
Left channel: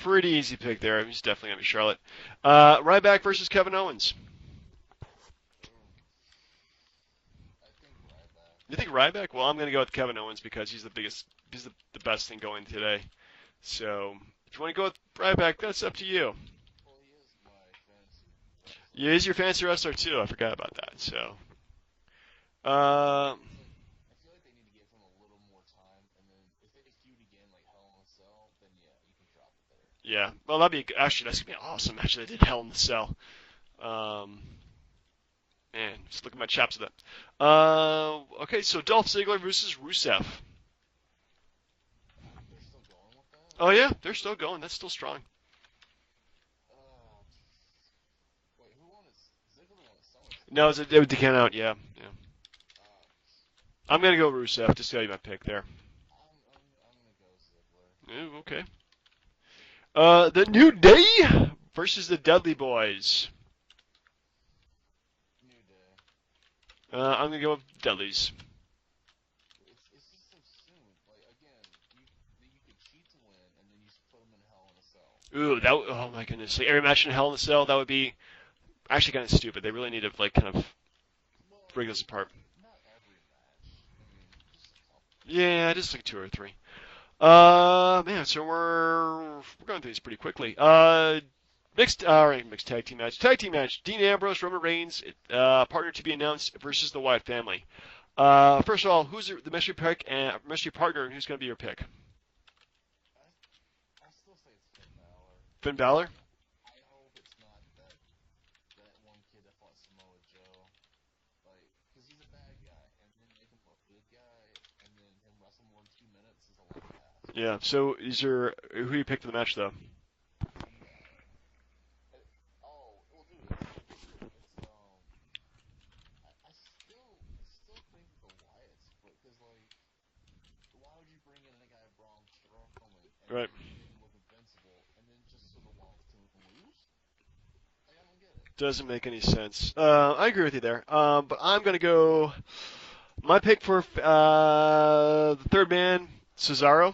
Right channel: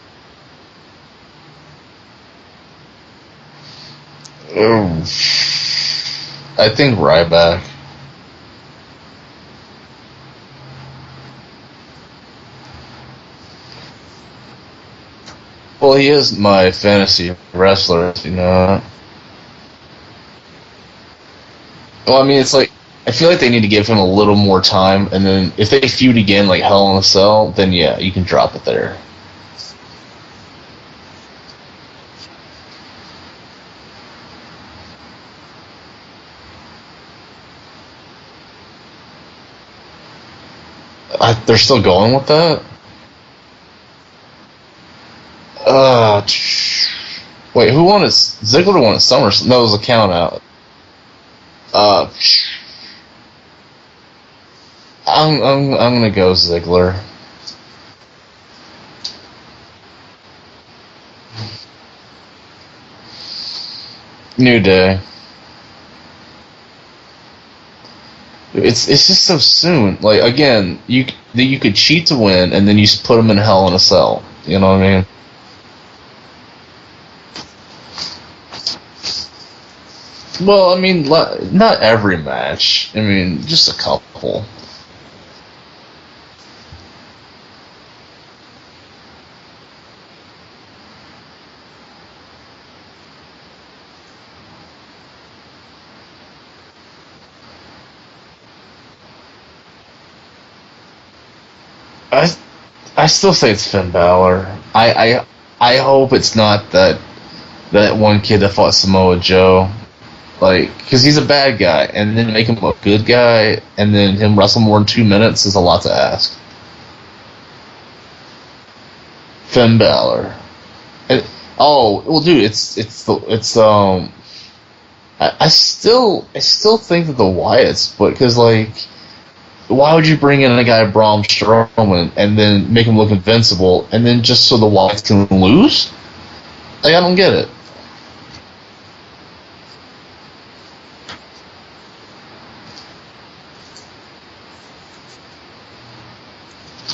pretty easy pick there. I'm just definitely going to be Charlotte. Ryback versus Kevin Owens. I think Ryback. You think Ryback? Well, I'm going to go with Kevin Owens because he's the best thing going today. So, you want to go with Ryback? Well, he is my fantasy wrestler, you know. He is your fantasy wrestler, too. I forgot about that, so. Well, I mean, it's like, I feel like they need to give him a little more time, and then if they feud again like Hell in a Cell, then yeah, you can drop it there. Yeah, well, that'd be, actually, that's going to be awesome, actually, I think Hell in a Cell. Man, just look at my chaps though. Okay, so Dolph Ziggler versus Rusev. They're still going with that? Oh yeah, they're still going, that's still strong. Wait, who won it? Ziggler won at SummerSlam. No, it was a count out. No, it was the count out, yeah. I'm gonna go Rusev. Just so I'm gonna go Ziggler. Okay. The New Day versus the Dudley Boys. New Day. I'm gonna go with Dudley's. It's just so soon. Like again, you could cheat to win, and then you just put them in Hell in a Cell. You know what I mean? Ooh, oh my goodness! Like every match in Hell in a Cell, that would be actually kind of stupid. They really need to like. Well, I mean, not every match. I mean, just a couple. Yeah, just like 2 or 3. Man, so we're going through this pretty quickly. Mixed tag team match. Tag team match. Dean Ambrose, Roman Reigns, partner to be announced versus the Wyatt family. First of all, who's the mystery pick and mystery partner? Who's going to be your pick? I still say it's Finn Balor. I hope it's not that one kid that fought Samoa Joe. Like, because he's a bad guy, and then make him a good guy, and then him wrestle more than 2 minutes is a lot to ask. Yeah. So, who you pick the match? Finn Balor. Oh well, dude, I still think that the Wyatts, but because like, why would you bring in a guy Braun Strowman and then make him look invincible, and then just so the Wyatts can lose? Like, I don't get it. Doesn't make any sense. I agree with you there. But I'm gonna go. My pick for third man, Cesaro.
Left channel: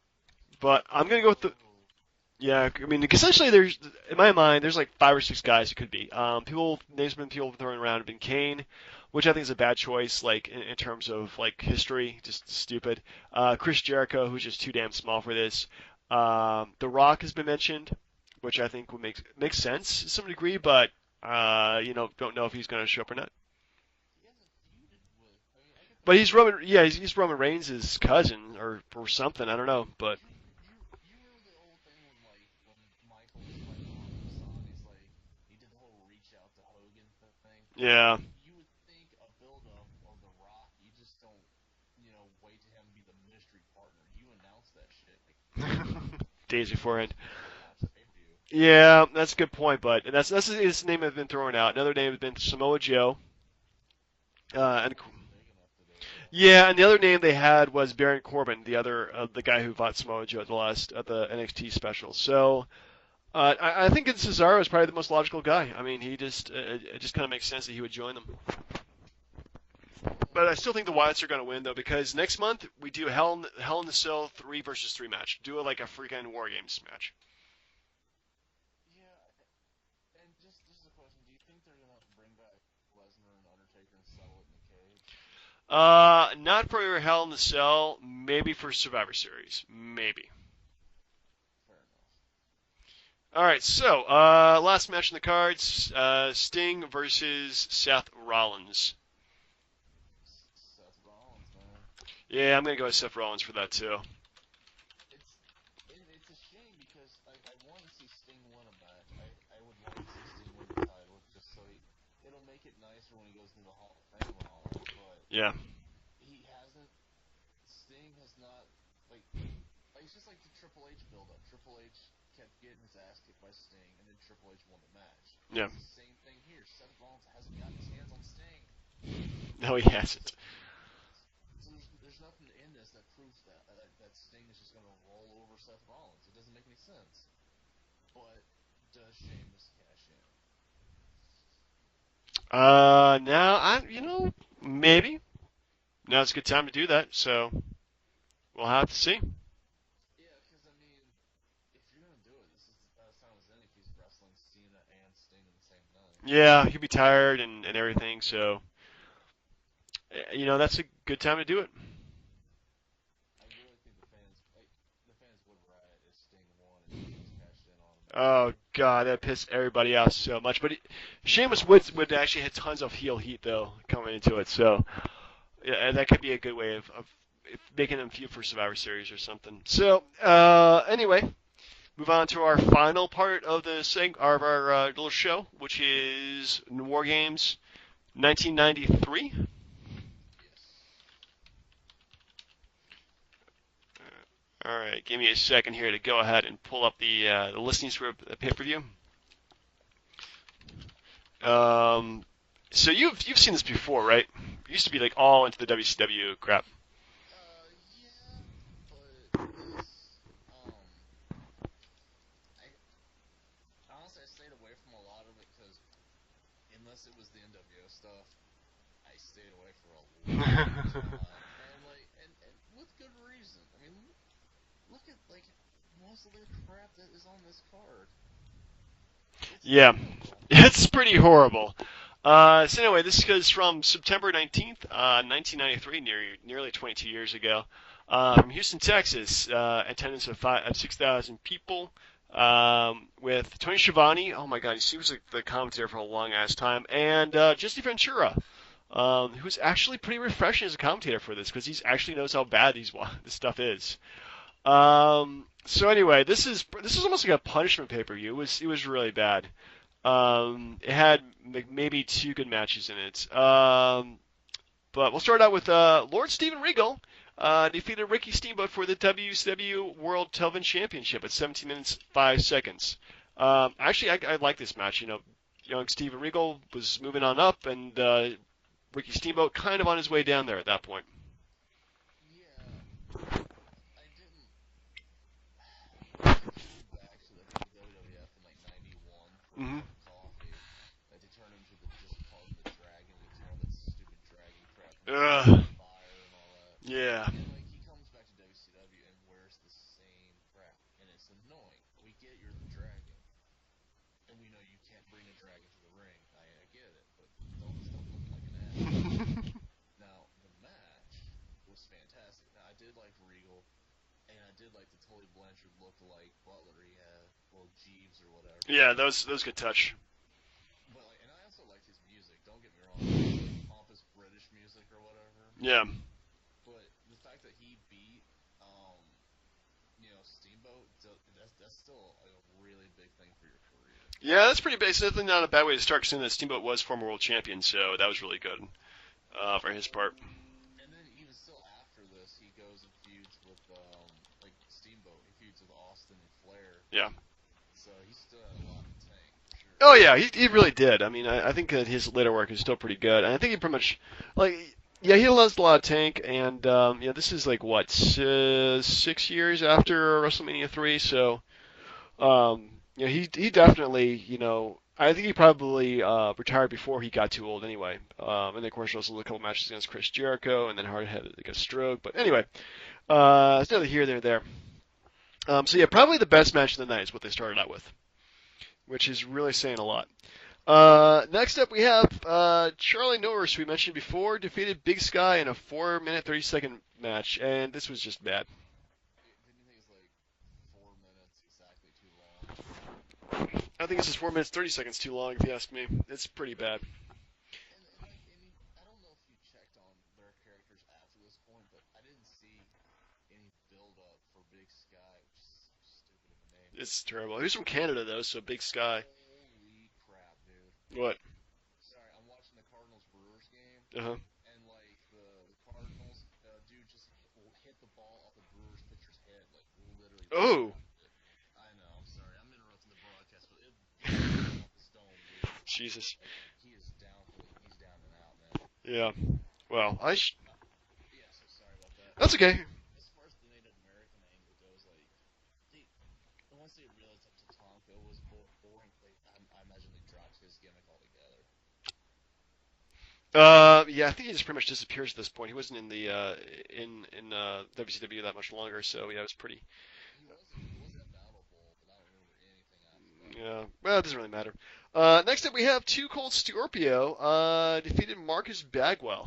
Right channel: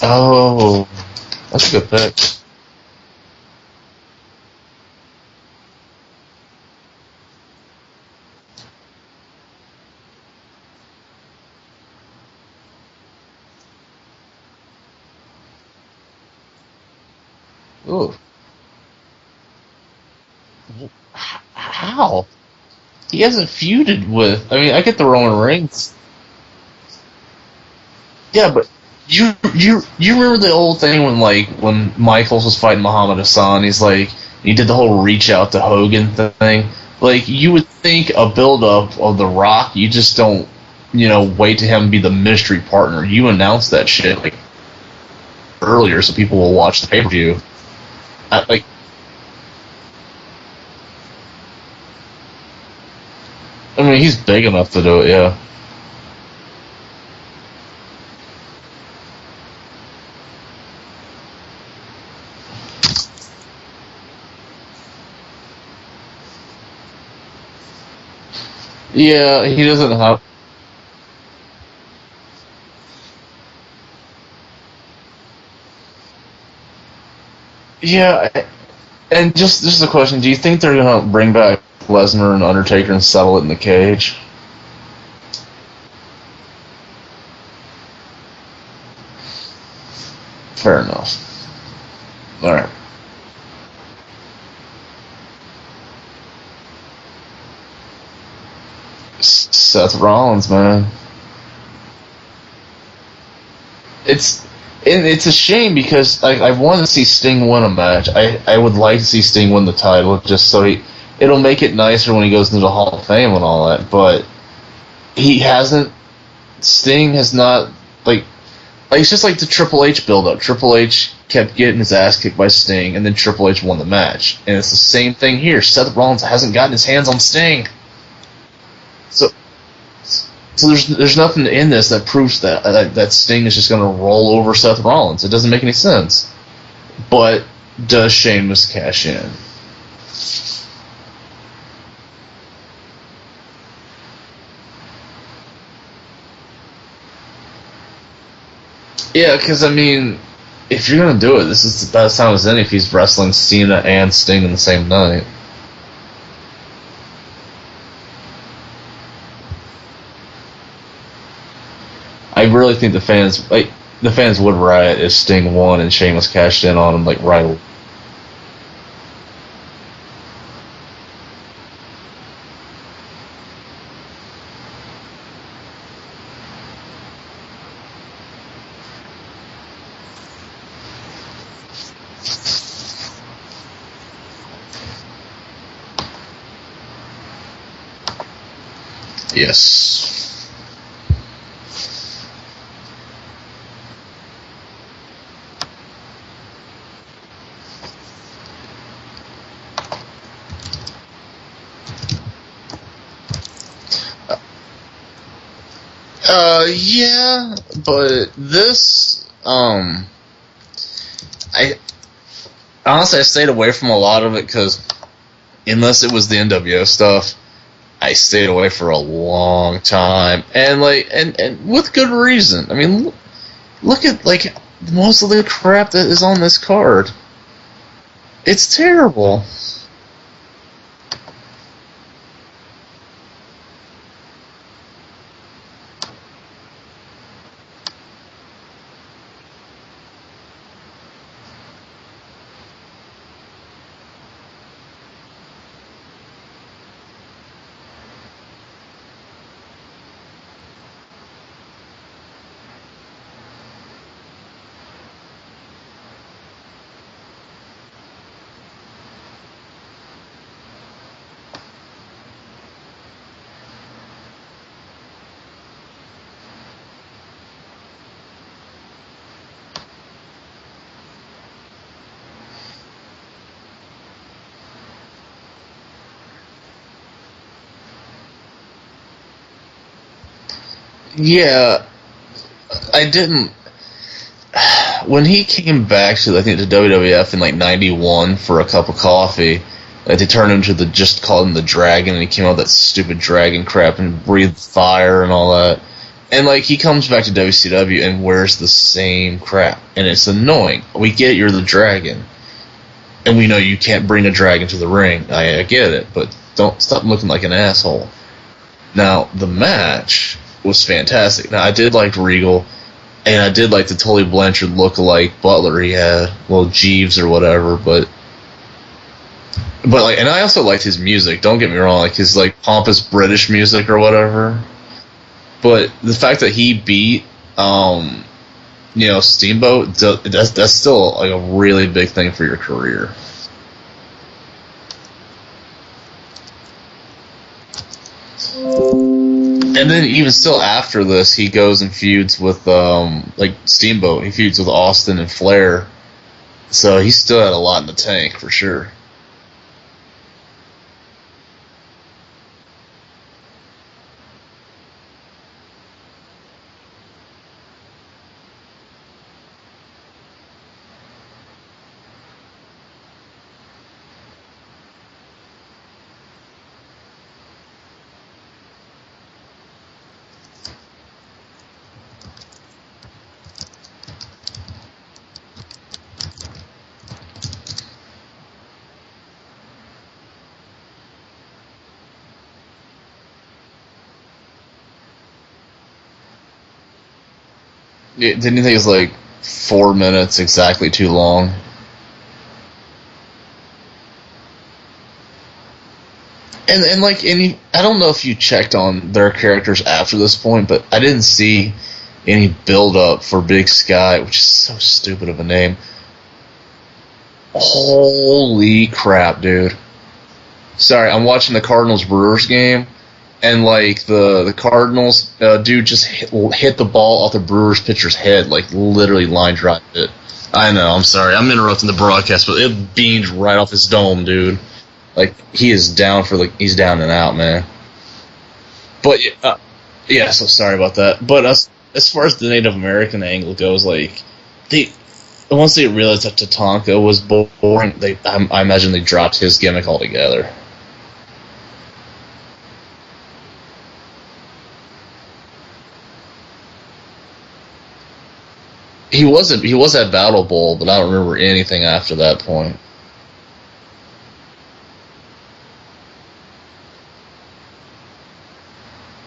Oh, I'm gonna go with the. that's a good pick. Yeah, I mean, essentially, in my mind, there's like 5 or 6 guys it could be. Names been people throwing around have been Kane, which I think is a bad choice, like in terms of like history, just stupid. Chris Jericho, who's just too damn small for this. The Rock has been mentioned, Ooh. which I think would make sense to some degree, but How? don't know if he's gonna show up. He hasn't feuded with. I mean, I get the Roman Reigns. But he's Roman. Yeah, he's Roman Reigns' cousin. Yeah, but or you something, I don't know. remember the old thing when Michaels was fighting Muhammad Hassan? He's like, he did the whole reach out to Hogan thing. Like, you would think Yeah. a build up of The Rock, you just don't, wait to him be the mystery partner. You announce that shit like earlier so people will watch the pay per view. Yeah, that's a good point, but that's his name has been thrown out. Another name has been Samoa Joe. I mean, he's big enough to do it, yeah. Yeah, and the other name they had was Baron Corbin, the guy who fought Samoa Joe at the last of the NXT special. So I think Cesaro is probably the most logical guy. I mean, it just kind of makes sense that he would join them. Yeah, he doesn't have. But I still think the Wyatts are going to win though, because next month we do Hell in the Cell 3 versus 3 match. Do it like a freaking War Games match. Yeah, and just a question: do you think they're gonna bring back Lesnar and Undertaker and settle it in the cage? Not for Hell in the Cell. Maybe for Survivor Series. Maybe. Fair enough. All right. All right. So last match in the cards: Sting versus Seth Rollins. Seth Rollins, man. Yeah, I'm gonna go with Seth Rollins for that too. It's a shame because I want to see Sting win a match. I would like to see Sting win the title just so it'll make it nicer when he goes into the Hall of Fame and all that. But he hasn't. Sting has not like it's just like the Triple H build-up. Triple H kept getting his ass kicked by Sting, and then Triple H won the match. And it's the same thing here. Seth Rollins hasn't gotten his hands on Sting. So. No, he has. So there's nothing in this that proves that Sting is just going to roll over Seth Rollins. It doesn't make any sense. But does Sheamus cash in? Now maybe. Now it's a good time to do that. So we'll have to see. Yeah, because I mean, if you're going to do it, this is the best time as any if he's wrestling Cena and Sting in the same night. Yeah, he'd be tired and everything. So that's a good time to do it. I really think the fans would riot if Sting won and Sheamus cashed in on him right away. Oh God, that pissed everybody off so much. But Sheamus would actually hit tons of heel heat though coming into it. So yeah, that could be a good way of making them feud for Survivor Series or something. So anyway, move on to our final part of our little show, which is War Games 1993. Yes. Alright, give me a second here to go ahead and pull up the listings for the pay-per-view. So you've seen this before, right? used to be like all into the WCW. Yeah, but this, I honestly I stayed away from a lot of it because unless it was the NWO stuff, I stayed away for a long time, and with good reason. I mean, look at like most of the crap that is on this card. It's terrible. Yeah, it's pretty horrible. So anyway, this goes from September 19th, 1993, nearly 22 years ago, from Houston, Texas. Attendance of 6,000 people, with Tony Schiavone. Oh my God, he was the commentator for a long ass time, and Jesse Ventura, who's actually pretty refreshing as a commentator for this because he actually knows how bad this stuff is. So anyway, this is almost like a punishment pay-per-view. It was really bad. It had maybe 2 good matches in it. But we'll start out with Lord Steven Regal defeated Ricky Steamboat for the WCW World Television Championship at 17 minutes 5 seconds. Actually, I like this match. Young Steven Regal was moving on up, and Ricky Steamboat kind of on his way down there at that point. Yeah, I didn't. When he came back to, I think, the WWF in like '91 for a cup of coffee, they turned him to just called him the Dragon, and he came out with that stupid dragon crap and breathed fire and all that. And like he comes back to WCW and wears the same crap, and it's annoying. We get you're the Dragon, and we know you can't bring a dragon to the ring. I get it, but don't stop looking like an asshole. Now the match was fantastic. Now I did like Regal. And I did like the Tully Blanchard look-alike Butler he had, well Jeeves or whatever, but yeah, those good touch. But like, and I also liked his music. Don't get me wrong, like his like pompous British music or whatever. But the fact that he beat, Steamboat, that's still like a really big thing for your career. Yeah, that's pretty basic. Definitely not a bad way to start, considering that Steamboat was former world champion, so that was really good. And then even still after this, he goes and feuds with Steamboat. He feuds with Austin and Flair, so he still had a lot in the tank for sure. Oh yeah, he really did. I mean, I think that his later work is still pretty good, and I think he pretty much he lost a lot of tank, and this is like what 6 years after WrestleMania 3, so. He definitely, I think he probably retired before he got too old anyway. And then, of course, also a couple matches against Chris Jericho, and then Hart had a stroke. But anyway, it's neither here nor there. So, probably the best match of the night is what they started out with, which is really saying a lot. Next up, we have Charlie Norris, who we mentioned before, defeated Big Sky in a 4-minute, 30-second match. And this was just... Yeah, didn't you think it was like 4 minutes exactly too long? I think this is 4 minutes 30 seconds too long, if you ask me. It's pretty bad. And I don't know if you checked on their characters after this point, but I didn't see any build up for Big Sky, which is so stupid of a name. It's terrible. Holy crap, dude! Sorry, I'm watching the Cardinals Brewers game, and like the Cardinals dude just hit the ball off the Brewers pitcher's head, like literally line drive it. Ooh. I know, I'm sorry, I'm interrupting the broadcast, but it beamed right off his dome, dude. Like he is down he's down and out, man. Yeah. But so sorry about that. But as far as the Native American angle goes, like once they realized that Tatanka was boring, I imagine they dropped his gimmick altogether. I think he just pretty much disappears at this point. He wasn't in the WCW that much longer, so he was at Battle Bowl, but I don't remember anything after that point. Yeah, well, it doesn't really matter. Next up, we have Too Cold Scorpio defeated Marcus Bagwell.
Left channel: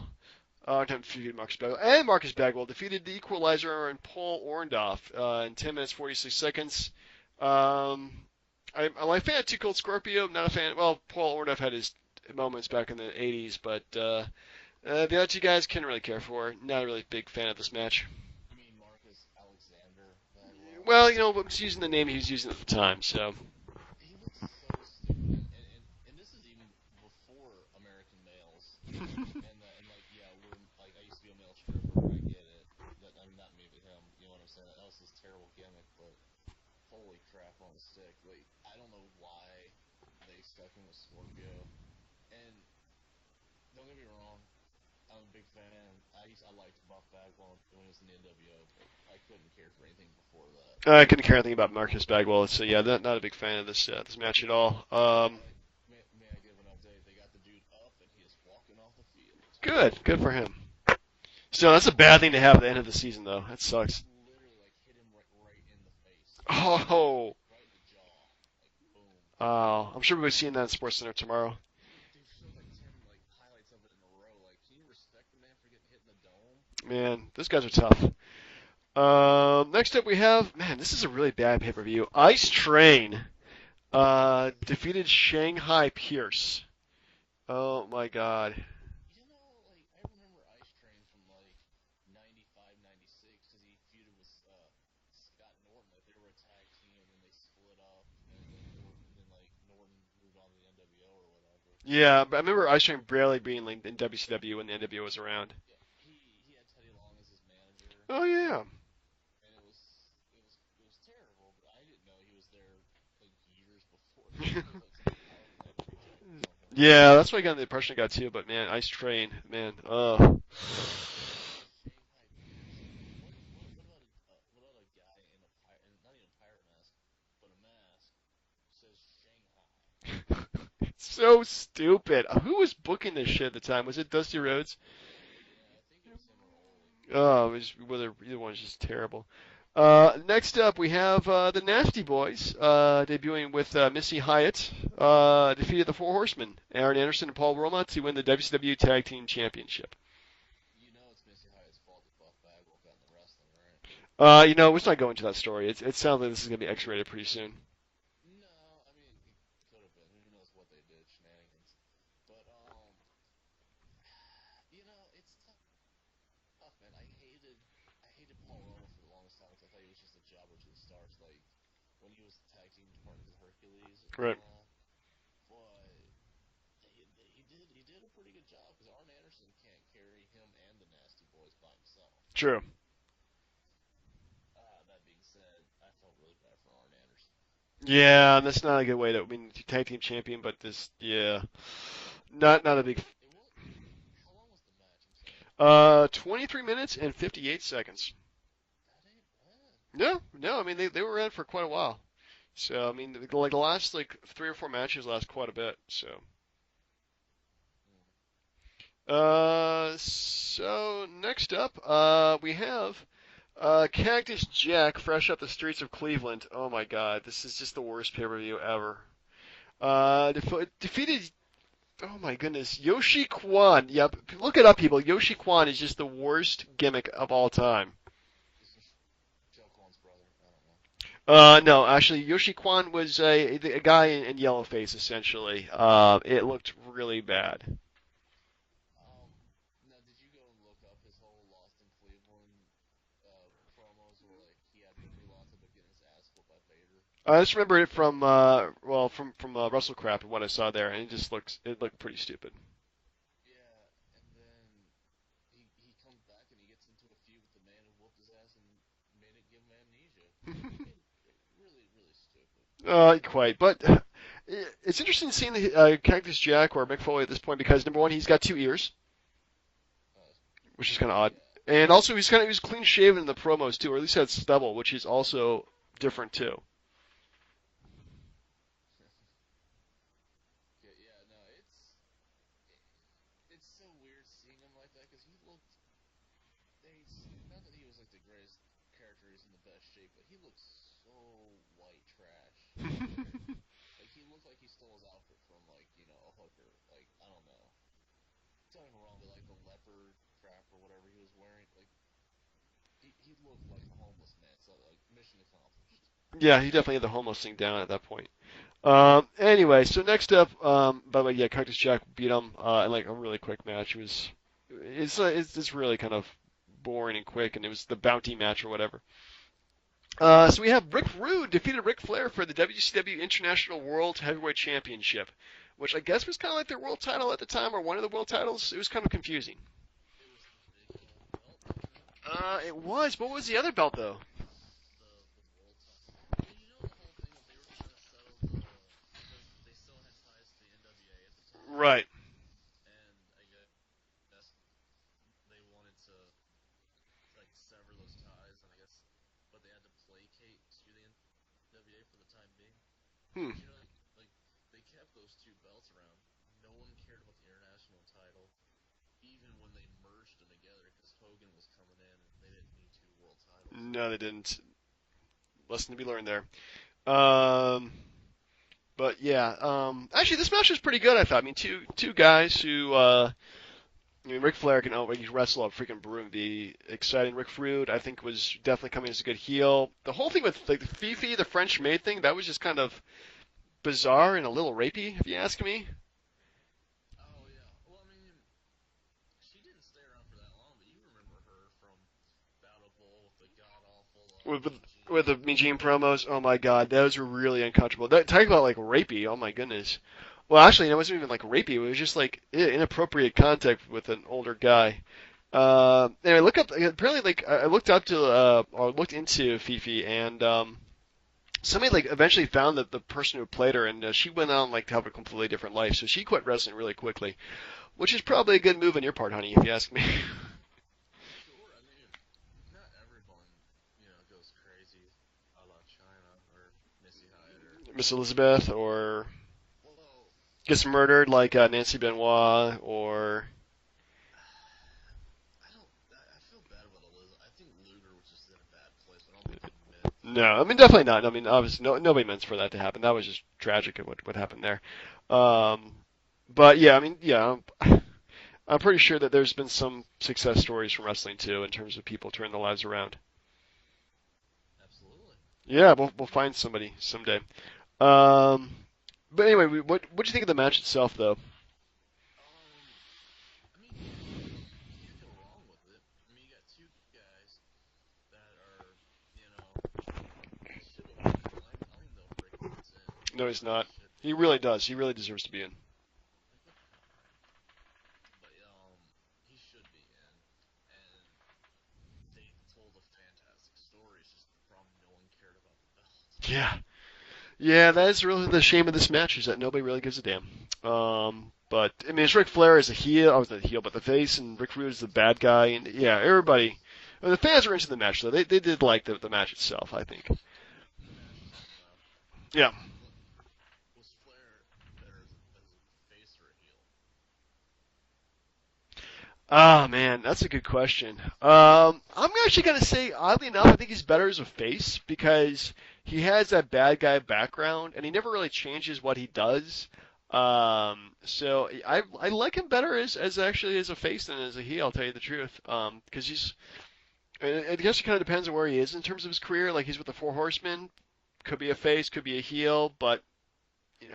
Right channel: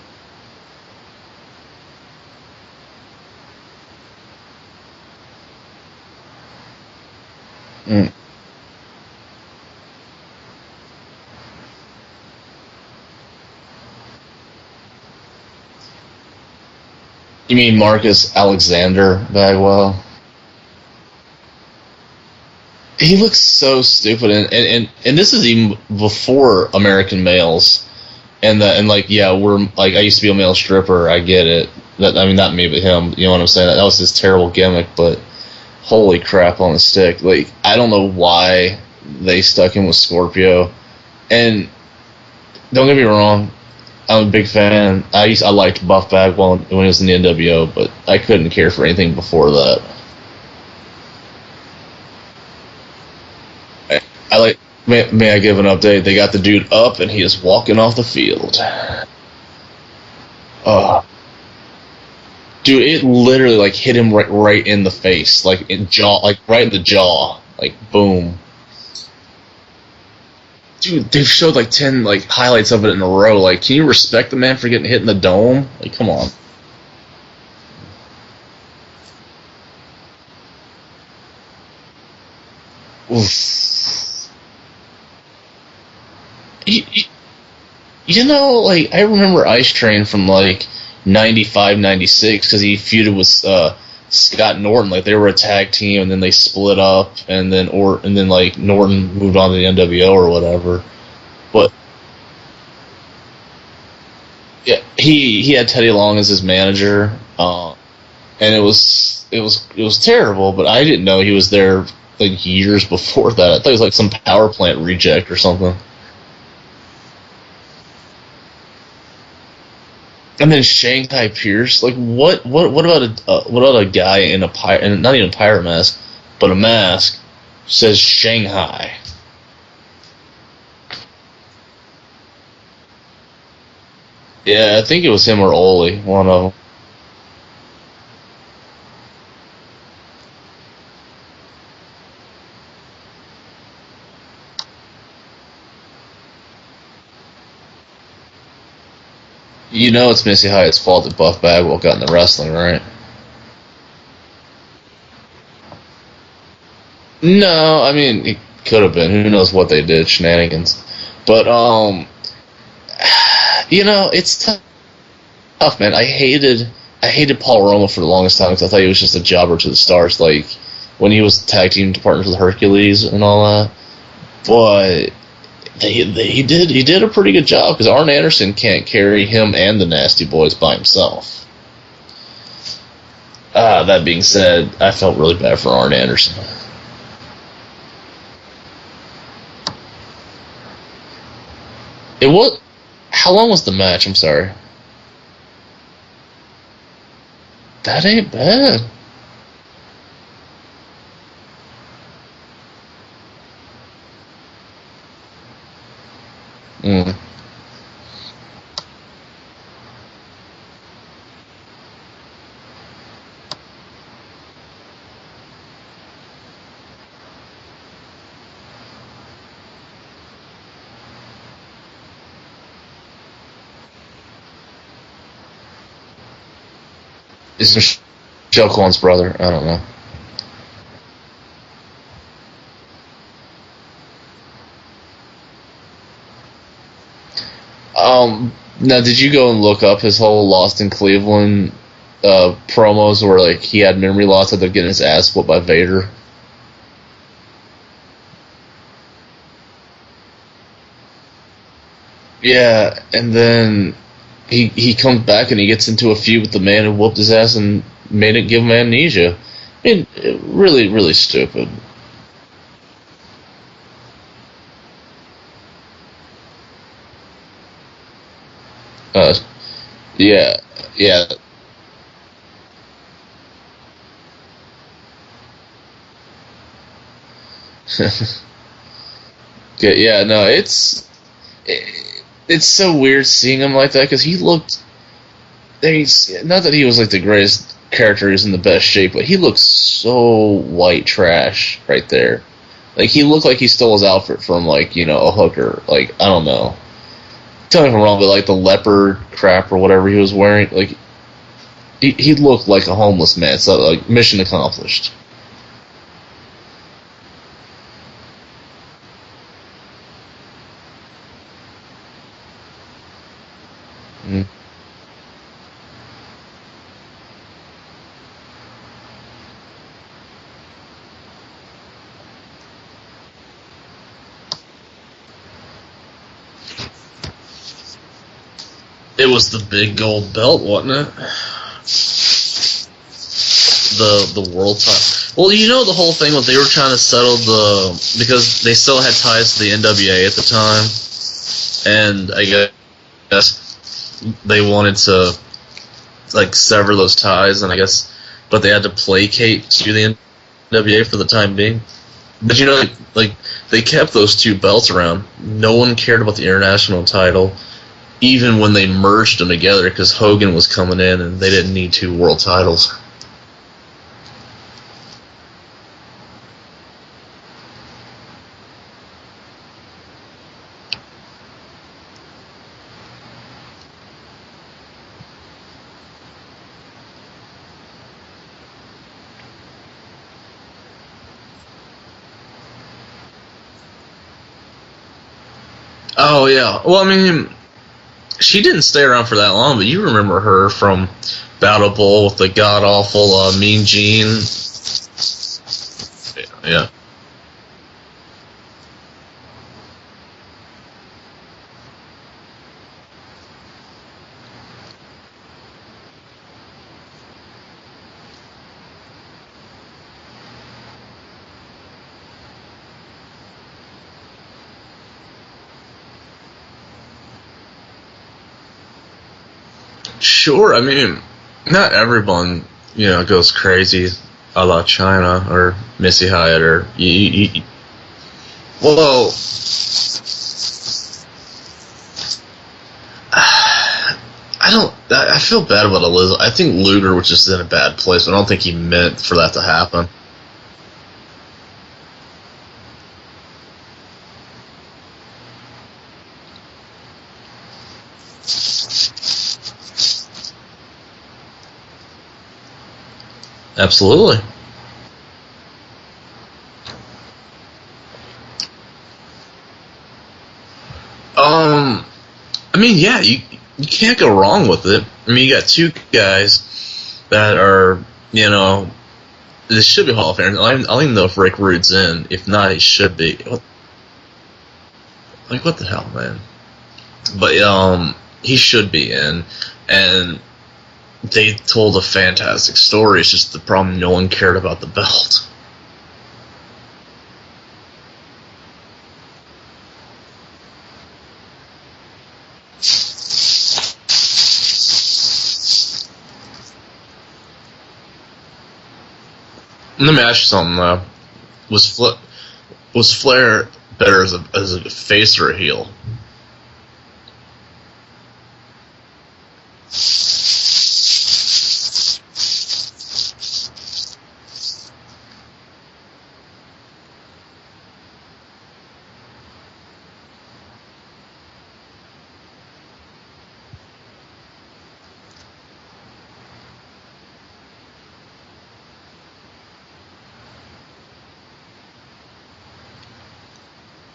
And Marcus Bagwell defeated the Equalizer and Paul Orndorff in 10 minutes 46 seconds. I'm a fan of Too Cold Scorpio. Not a fan. Well, Paul Orndorff had his moments back in the 80s, but the other two guys couldn't really care for. Not really a big fan. You mean Marcus Alexander Bagwell? Well, was using the name he was using at the time. He looks so stupid, and this is even before American Males. We're like, I used to be a male stripper. I get it. Not me, but him. You know what I'm saying? That was his terrible gimmick. But holy crap on the stick! Like, I don't know why they stuck him with Scorpio. And don't get me wrong, I'm a big fan. I liked Buff Bagwell when he was in the NWO, but I couldn't care for anything before that. I couldn't care anything about Marcus Bagwell, so yeah, not a big fan of this I match like. at all. May I give an update? They got the dude up, and he is walking off the field. Good for him. So that's a bad thing to happen. Dude, it literally like hit him right in the face, like in the jaw, like boom. I'm sure we've seen that. Dude, they've showed like 10 like highlights of it in a row. Like, can you respect the man for getting hit in the dome? Like, come on. Man, those guys are tough. Next up we have, man, this is a really bad pay-per-view. Ice Train defeated Shanghai Pierce. Oh my God. You know, like, I remember Ice Train from like 95, 96 because he feuded with Scott Norton. Like, they were a tag team, and then they split up, and then like Norton moved on to the NWO or whatever. But yeah, but I remember Ice Train barely being like in WCW. Yeah, he had Teddy Long as his manager. Yeah. And it was terrible, but I didn't know he was there like years before that. I thought he was like some power plant reject or something. Yeah, that's what I got the impression I got too. But man, Ice Train, man. And then Shanghai Pierce, like what about a guy in a and not even a pirate mask, but a mask says Shanghai. So stupid. Who was booking this shit at the time? Was it Dusty Rhodes? Yeah, I think it was him or Ole, one of them. Oh, it was just terrible. Next up, we have the Nasty Boys debuting with Missy Hyatt. Defeated the Four Horsemen, Aaron Anderson and Paul Roma, to win the WCW Tag Team Championship. You know it's Missy Hyatt's fault that Buff Bagwell got into wrestling, right? Let's not go into that story. It sounds like this is going to be X-rated pretty soon. No, I mean, it could have been. Who knows what they did, shenanigans. But, it's tough, man. I hated Paul Roma for the longest time because I thought he was just a jobber to the stars, like when he was tag team partners with Hercules and all that. Right. But he did a pretty good job because Arn Anderson can't carry him and the Nasty Boys by himself. True. That being said, I felt really bad for Arn Anderson. Yeah, that's not a good way to win tag team champion, but yeah. It was not a big. How long was the match? I'm sorry. 23 minutes and 58 seconds. That ain't bad. No, I mean they were in for quite a while. So I mean, the last 3 or 4 matches last quite a bit. So. So next up, we have Cactus Jack, fresh up the streets of Cleveland. Oh my God, this is just the worst pay-per-view ever. Defeated. Oh my goodness, Yoshi Kwan. Yep, look it up, people. Yoshi Kwan is just the worst gimmick of all time. Is Joe Kwan's brother? I don't know. No, actually, Yoshi Kwan was a guy in yellow face, essentially. It looked really bad. Now, did you go and look up his whole Lost in Cleveland promos where like he had memory loss after getting his ass whooped by Vader? I just remember it from WrestleCraft and what I saw there, and it looked pretty stupid. Yeah, and then he comes back and he gets into a feud with the man who whooped his ass and give him amnesia. I mean, really, really stupid. Quite, but it's interesting seeing the Cactus Jack or Mick Foley at this point because number one, he's got 2 ears. Yeah. Odd. And also, he was clean shaven in the promos too, or at least had stubble, which is also different too. Yeah, no, it's so weird seeing him like that because he looked. Not that he was like the greatest character, he's in the best shape, but he looked so white trash right there. Like he looked like he stole his outfit from like a hooker. Like I don't know. Tell me if I'm wrong, but like the leopard crap or whatever he was wearing, like he looked like a homeless man. So like mission accomplished. Yeah, he definitely had the homeless thing down at that point. Anyway, so next up, by the way, Cactus Jack beat him in like a really quick match. It's really kind of boring and quick, and it was the bounty match or whatever. So we have Rick Rude defeated Ric Flair for the WCW International World Heavyweight Championship, which I guess was kind of like the world title at the time, or one of the world titles. It was kind of. It was the big gold belt, wasn't it? It was. What was the other belt? The world title. Well, the whole thing was they were trying to settle because they still had ties to the NWA at the time, Right. and I guess they wanted to like sever those ties, and I guess, but they had to placate to the NWA for the time being. But you know, like they kept those two belts around. No one cared about the international title, even when they merged them together, because Hogan was coming in, and they didn't need two world titles. No, they didn't. Lesson to be learned there. But yeah, actually, this match was pretty good. I thought. I mean, two guys who. I mean, Ric Flair can wrestle a freaking broom. The exciting Rick Rude, I think, was definitely coming as a good heel. The whole thing with like Fifi, the French maid thing, that was just kind of bizarre and a little rapey, if you ask me. Oh yeah, well I mean, she didn't stay around for that long, but you remember her from Battle Bowl with the god awful Mean Gene. With the Mean Gene promos. Oh my god, yeah. Those were really uncomfortable. Talking about like rapey. Oh my goodness. Well, actually, it wasn't even like rapey. It was just like inappropriate contact with an older guy. Anyway, look up. Apparently, like I looked up to or looked into Fifi, and somebody like eventually found that the person who played her, and she went on like to have a completely different life. So she quit wrestling really quickly, which is probably a good move on your part, honey, if you ask me. Sure, I mean, not everyone goes crazy a la China or Missy Hyatt or Miss Elizabeth. Whoa. Gets murdered like Nancy Benoit or. I feel bad about Elizabeth. I think Luger was just in a bad place. I don't think he meant for that to happen. No, I mean definitely not. I mean, obviously, nobody meant for that to happen. That was just tragic what happened there. But yeah, I mean, yeah, I'm pretty sure that there's been some success stories from wrestling too, in terms of people turning their lives around. Absolutely. Yeah, we'll find somebody someday. But anyway, what do you think of the match itself, though? I mean, yeah, you can't go wrong with it. I mean, you got two guys that are, this should be Hall of Famers. I don't even know if Rick Rude's in. If not, he should be. No, he's not. He really does. He really deserves to be. Like, what the hell, man? But, he should be in. And they told a fantastic story. It's just the problem, no one cared about the belt. Yeah. Yeah, that is really the shame of this match, is that nobody really gives a damn. But, I mean, it's Ric Flair as a heel, but the face, and Rick Rude is a bad guy, and yeah, everybody. I mean, the fans were into the match, though. They did like the match itself. Let me ask you something, though. Was Flair better as a face or a heel? Oh, man, that's a good question. I'm actually going to say, oddly enough, I think he's better as a face, because he has that bad guy background, and he never really changes what he does. So I like him better as actually as a face than as a heel, I'll tell you the truth. Because I guess it kind of depends on where he is in terms of his career. Like, he's with the Four Horsemen, could be a face, could be a heel,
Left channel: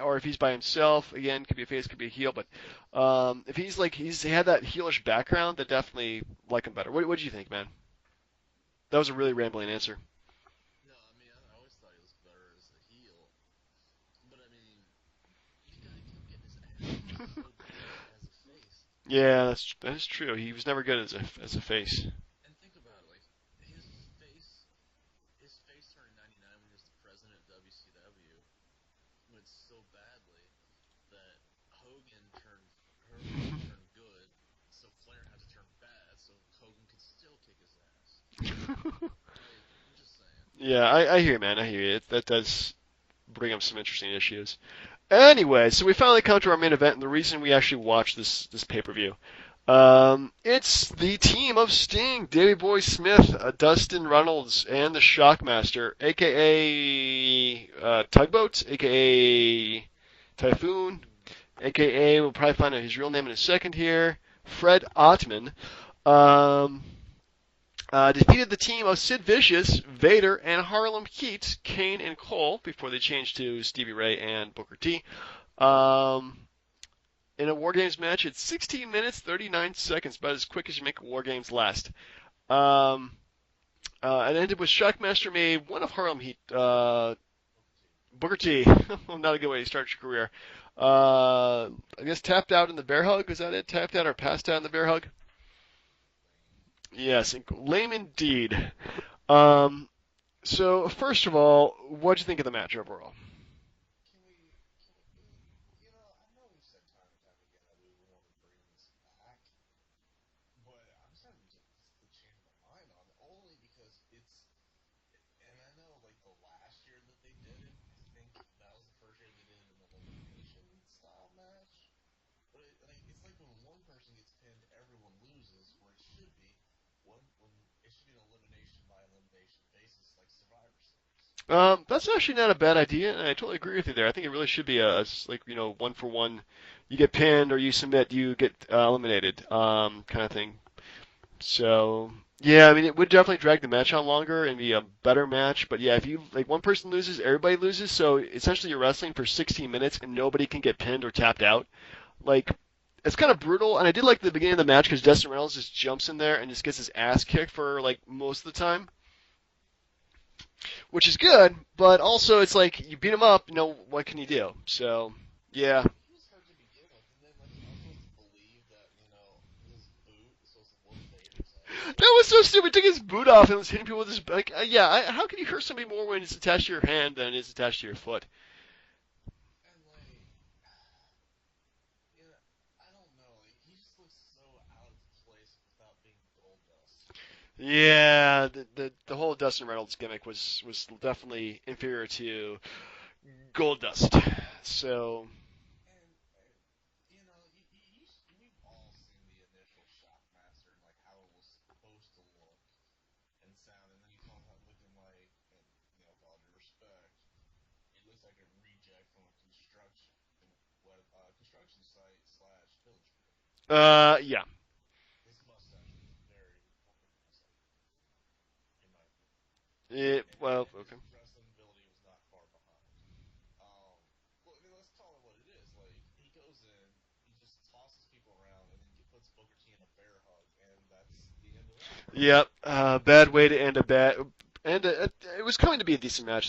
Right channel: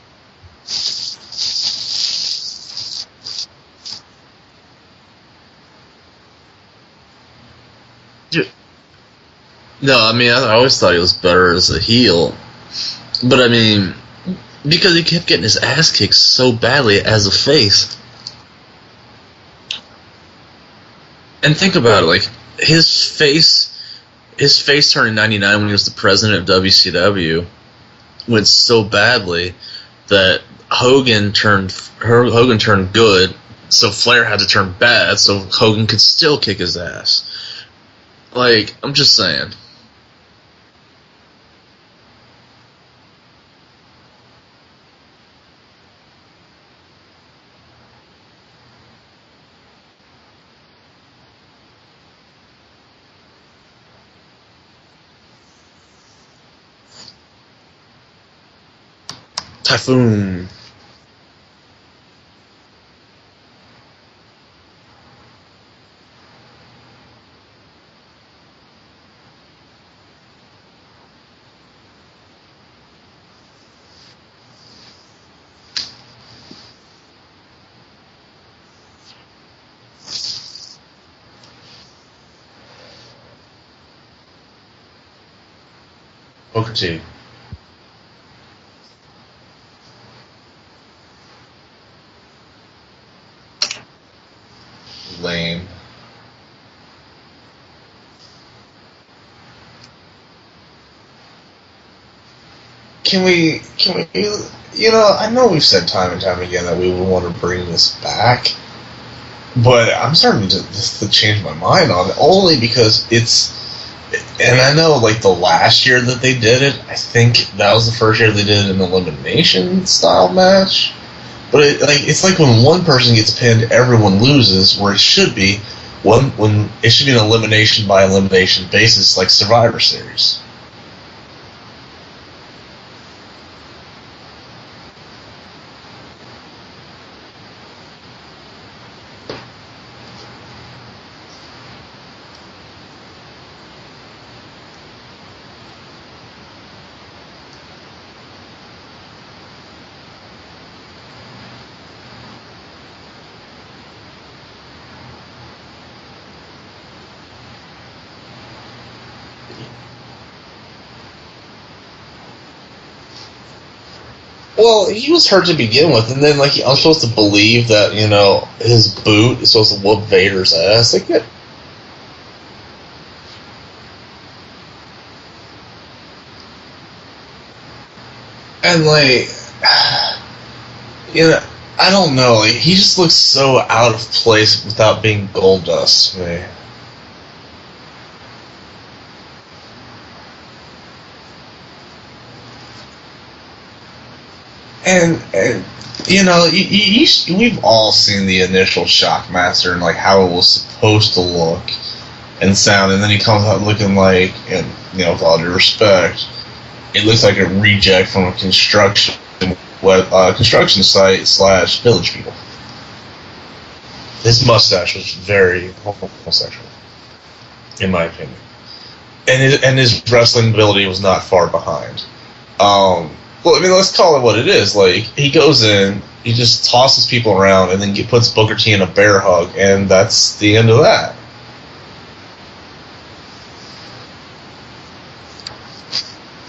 or if he's by himself, again, could be a face, could be a heel. But if he had that heelish background, then definitely like him better. What do you think, man? Yeah. That was a really rambling answer. No, I mean, I always thought he was better as a heel. But, I mean, because he kept getting his ass kicked so badly as a face. Yeah, that's true. He was never good as a... And think about it, like, his face turn in 99 when he was the president of WCW went so badly that Hogan turned good, so Flair had to turn bad so Hogan could still kick his ass. Like, I'm just saying. Yeah, I hear you, man. I hear you. That does bring up some interesting issues. Anyway, so we finally come to our main event, and the reason we actually watched this pay-per-view. It's the team of Sting, Davey Boy Smith, Dustin Runnels, and the Shockmaster, a.k.a. Tugboat, a.k.a. Typhoon, a.k.a. we'll probably find out his real name in a second here, Fred Ottman. Defeated the team of Sid Vicious, Vader, and Harlem Heat, Kane and Cole, before they changed to Stevie Ray and Booker T. In a War Games match, it's 16 minutes, 39 seconds, about as quick as you make a War Games last. It ended with Shockmaster made one of Harlem Heat. Booker T. Not a good way to start your career. I guess tapped out in the bear hug. Was that it? Tapped out or passed out in the bear hug? Lame. Yes, lame indeed. So, first of all, what'd you think of the match overall? Can we, I know we've said time and time again that we would want to bring this back, But I'm starting to just to change my mind on it only because it's. And I know, like the last year that they did it, I think that was the first year they did an elimination style match. But it's like when one person gets pinned, everyone loses. Where it should be, when it should be an elimination by elimination basis, like Survivor Series. That's actually not a bad idea, and I totally agree with you there. I think it really should be just like, one for one. You get pinned or you submit, you get eliminated, kind of thing. So, yeah, I mean, it would definitely drag the match on longer and be a better match. But yeah, if you like one person loses, everybody loses. So essentially, you're wrestling for 16 minutes and nobody can get pinned or tapped out. Like, it's kind of brutal. And I did like the beginning of the match because Dustin Reynolds just jumps in there and just gets his ass kicked for like most of the time, which is good. But also, it's like you beat him up. What can you do? Well, So, he was hurt to begin with, and then like I'm supposed to believe that his boot is supposed to whoop Vader's ass. Like, yeah. That was so stupid. He took his boot off and was hitting people with his how can you hurt somebody more when it's attached to your hand than it is attached to your foot? And like, I don't know. Like, he just looks so out of place without being Goldust to me. Yeah, the whole Dustin Reynolds gimmick was definitely inferior to Goldust. And we've all seen the initial Shockmaster and like how it was supposed to look and sound, and then he comes out looking like, and with all due respect, it looks like a reject from a construction site / Village People. His mustache was very homosexual, in my opinion, and his wrestling ability was not far behind. Well, I mean, let's call it what it is. Like, he goes in, he just tosses people around, and then puts Booker T in a bear hug, and that's the end of that. Yep, bad way to end a bad. And it was going to be a decent match.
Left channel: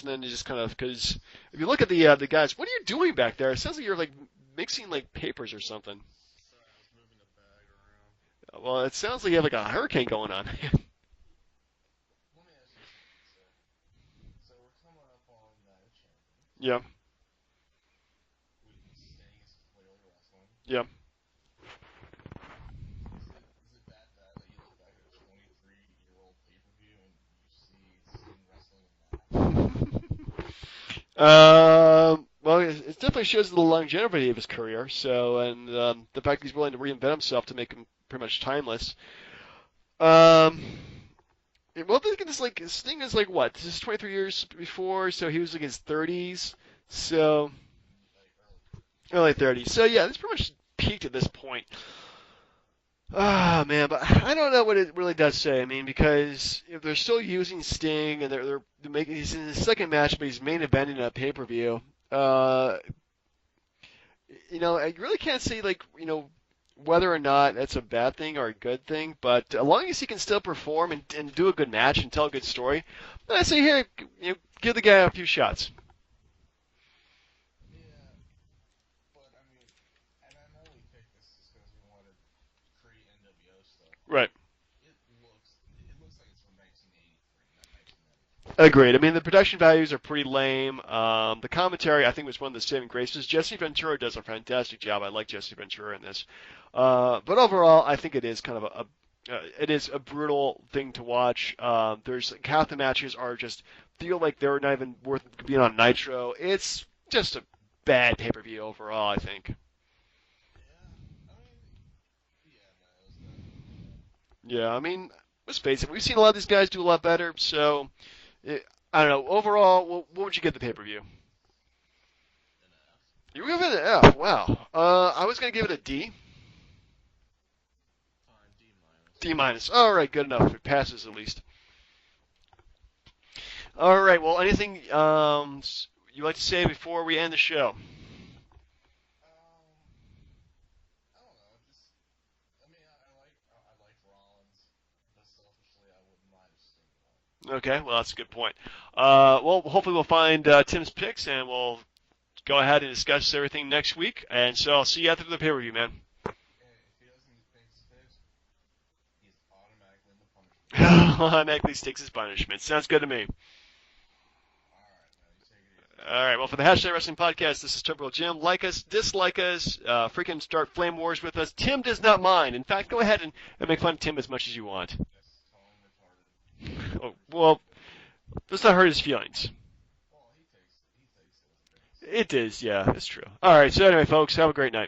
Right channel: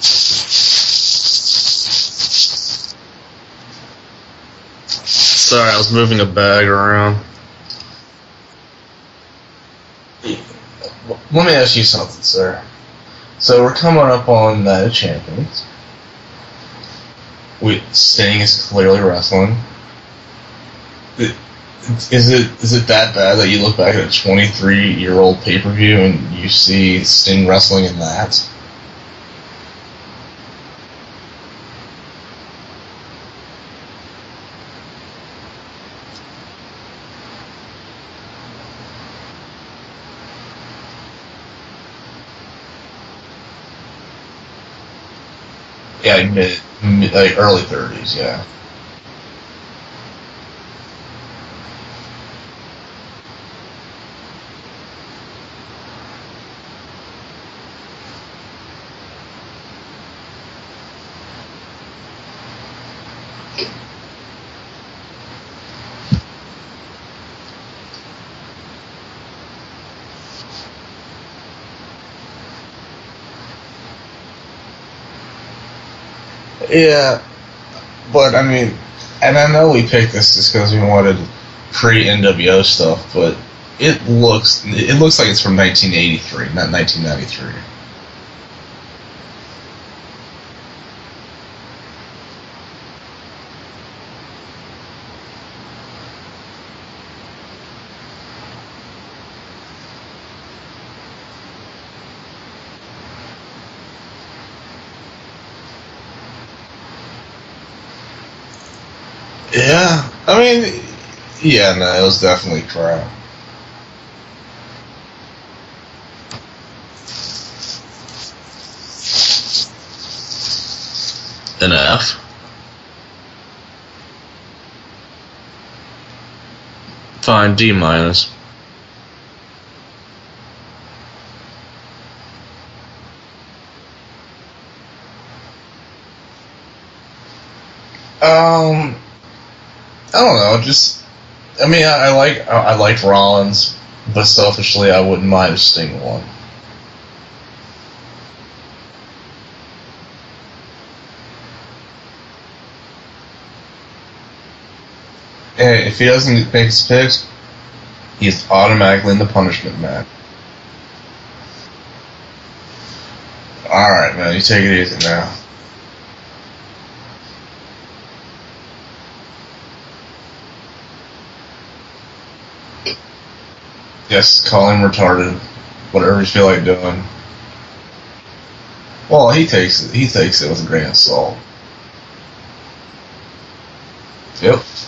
You look at the guys. What are you doing back there? It says that you're like, makes you like. Sorry, I was moving a bag around. Well, it sounds like you have like a hurricane going on. Let me ask you something, sir. So we're coming up on Night of Champions. Yeah. Sting is clearly wrestling. Yep. Is it that bad that you look back at a 23-year-old pay-per-view and you see Sting wrestling in that? Well, it definitely shows the longevity of his career. So, and the fact he's willing to reinvent himself to make it pretty much timeless. Well, look at this. Like, Sting is like what? This is 23 years before, so he was like his 30s. Yeah, like early 30s. Yeah. Early 30s. So yeah, it's pretty much peaked at this point. Ah, man, but I don't know what it really does say. I mean, because they're still using Sting, and they're maybe he's in the second match, but he's main eventing that pay-per-view. I really can't say like whether or not it's a bad thing or a good thing, but as long as he can still perform and do a good match and tell a good story, then I say here, give the guy a few shots. Yeah, but I mean, and I know we picked this just because we wanted pre-NWO stuff, but it looks like it's from 1983, not 1993. Agreed. I mean, the production values are pretty lame. The commentary, I think, was one of the saving graces. Jesse Ventura does a fantastic job. I like Jesse Ventura in this. But overall, I think it is kind of a brutal thing to watch. There's half the matches are just feel like they're not even worth being on Nitro. It's just a bad pay-per-view overall, I think. Yeah, I mean, it was definitely crap. Yeah, I mean, let's face it, we've seen a lot of these guys do a lot better, so I don't know. Overall, what would you get the pay-per-view? An F. You give it an F. Wow. I was gonna give it a D. Fine, D minus. D minus. All right, good enough. It passes at least. All right. Well, anything you'd like to say before we end the show? I don't know. Just, I mean, I like Rollins, but selfishly, I wouldn't mind if Sting won. Okay. Well, that's a good point. Well, hopefully we'll find Tim's picks and we'll go ahead and discuss everything next week. And so I'll see you after the pay-per-view. Hey, if he doesn't make his picks, he's automatically in the punishment match. Automatically sticks his punishment. Sounds good to me. Alright, man. You take it easy now. All right, well, for the Hashtag Wrestling Podcast, this is Typical Jim. Like us, dislike us, freaking start flame wars with us. Tim does not mind. In fact, go ahead and make fun of Tim. Yes, call him retarded. Whatever you feel like doing. Well, let's not hurt his feelings. Well, he takes it with a grain of salt. It is, yeah, that's true. All right, so anyway, folks, have a great night.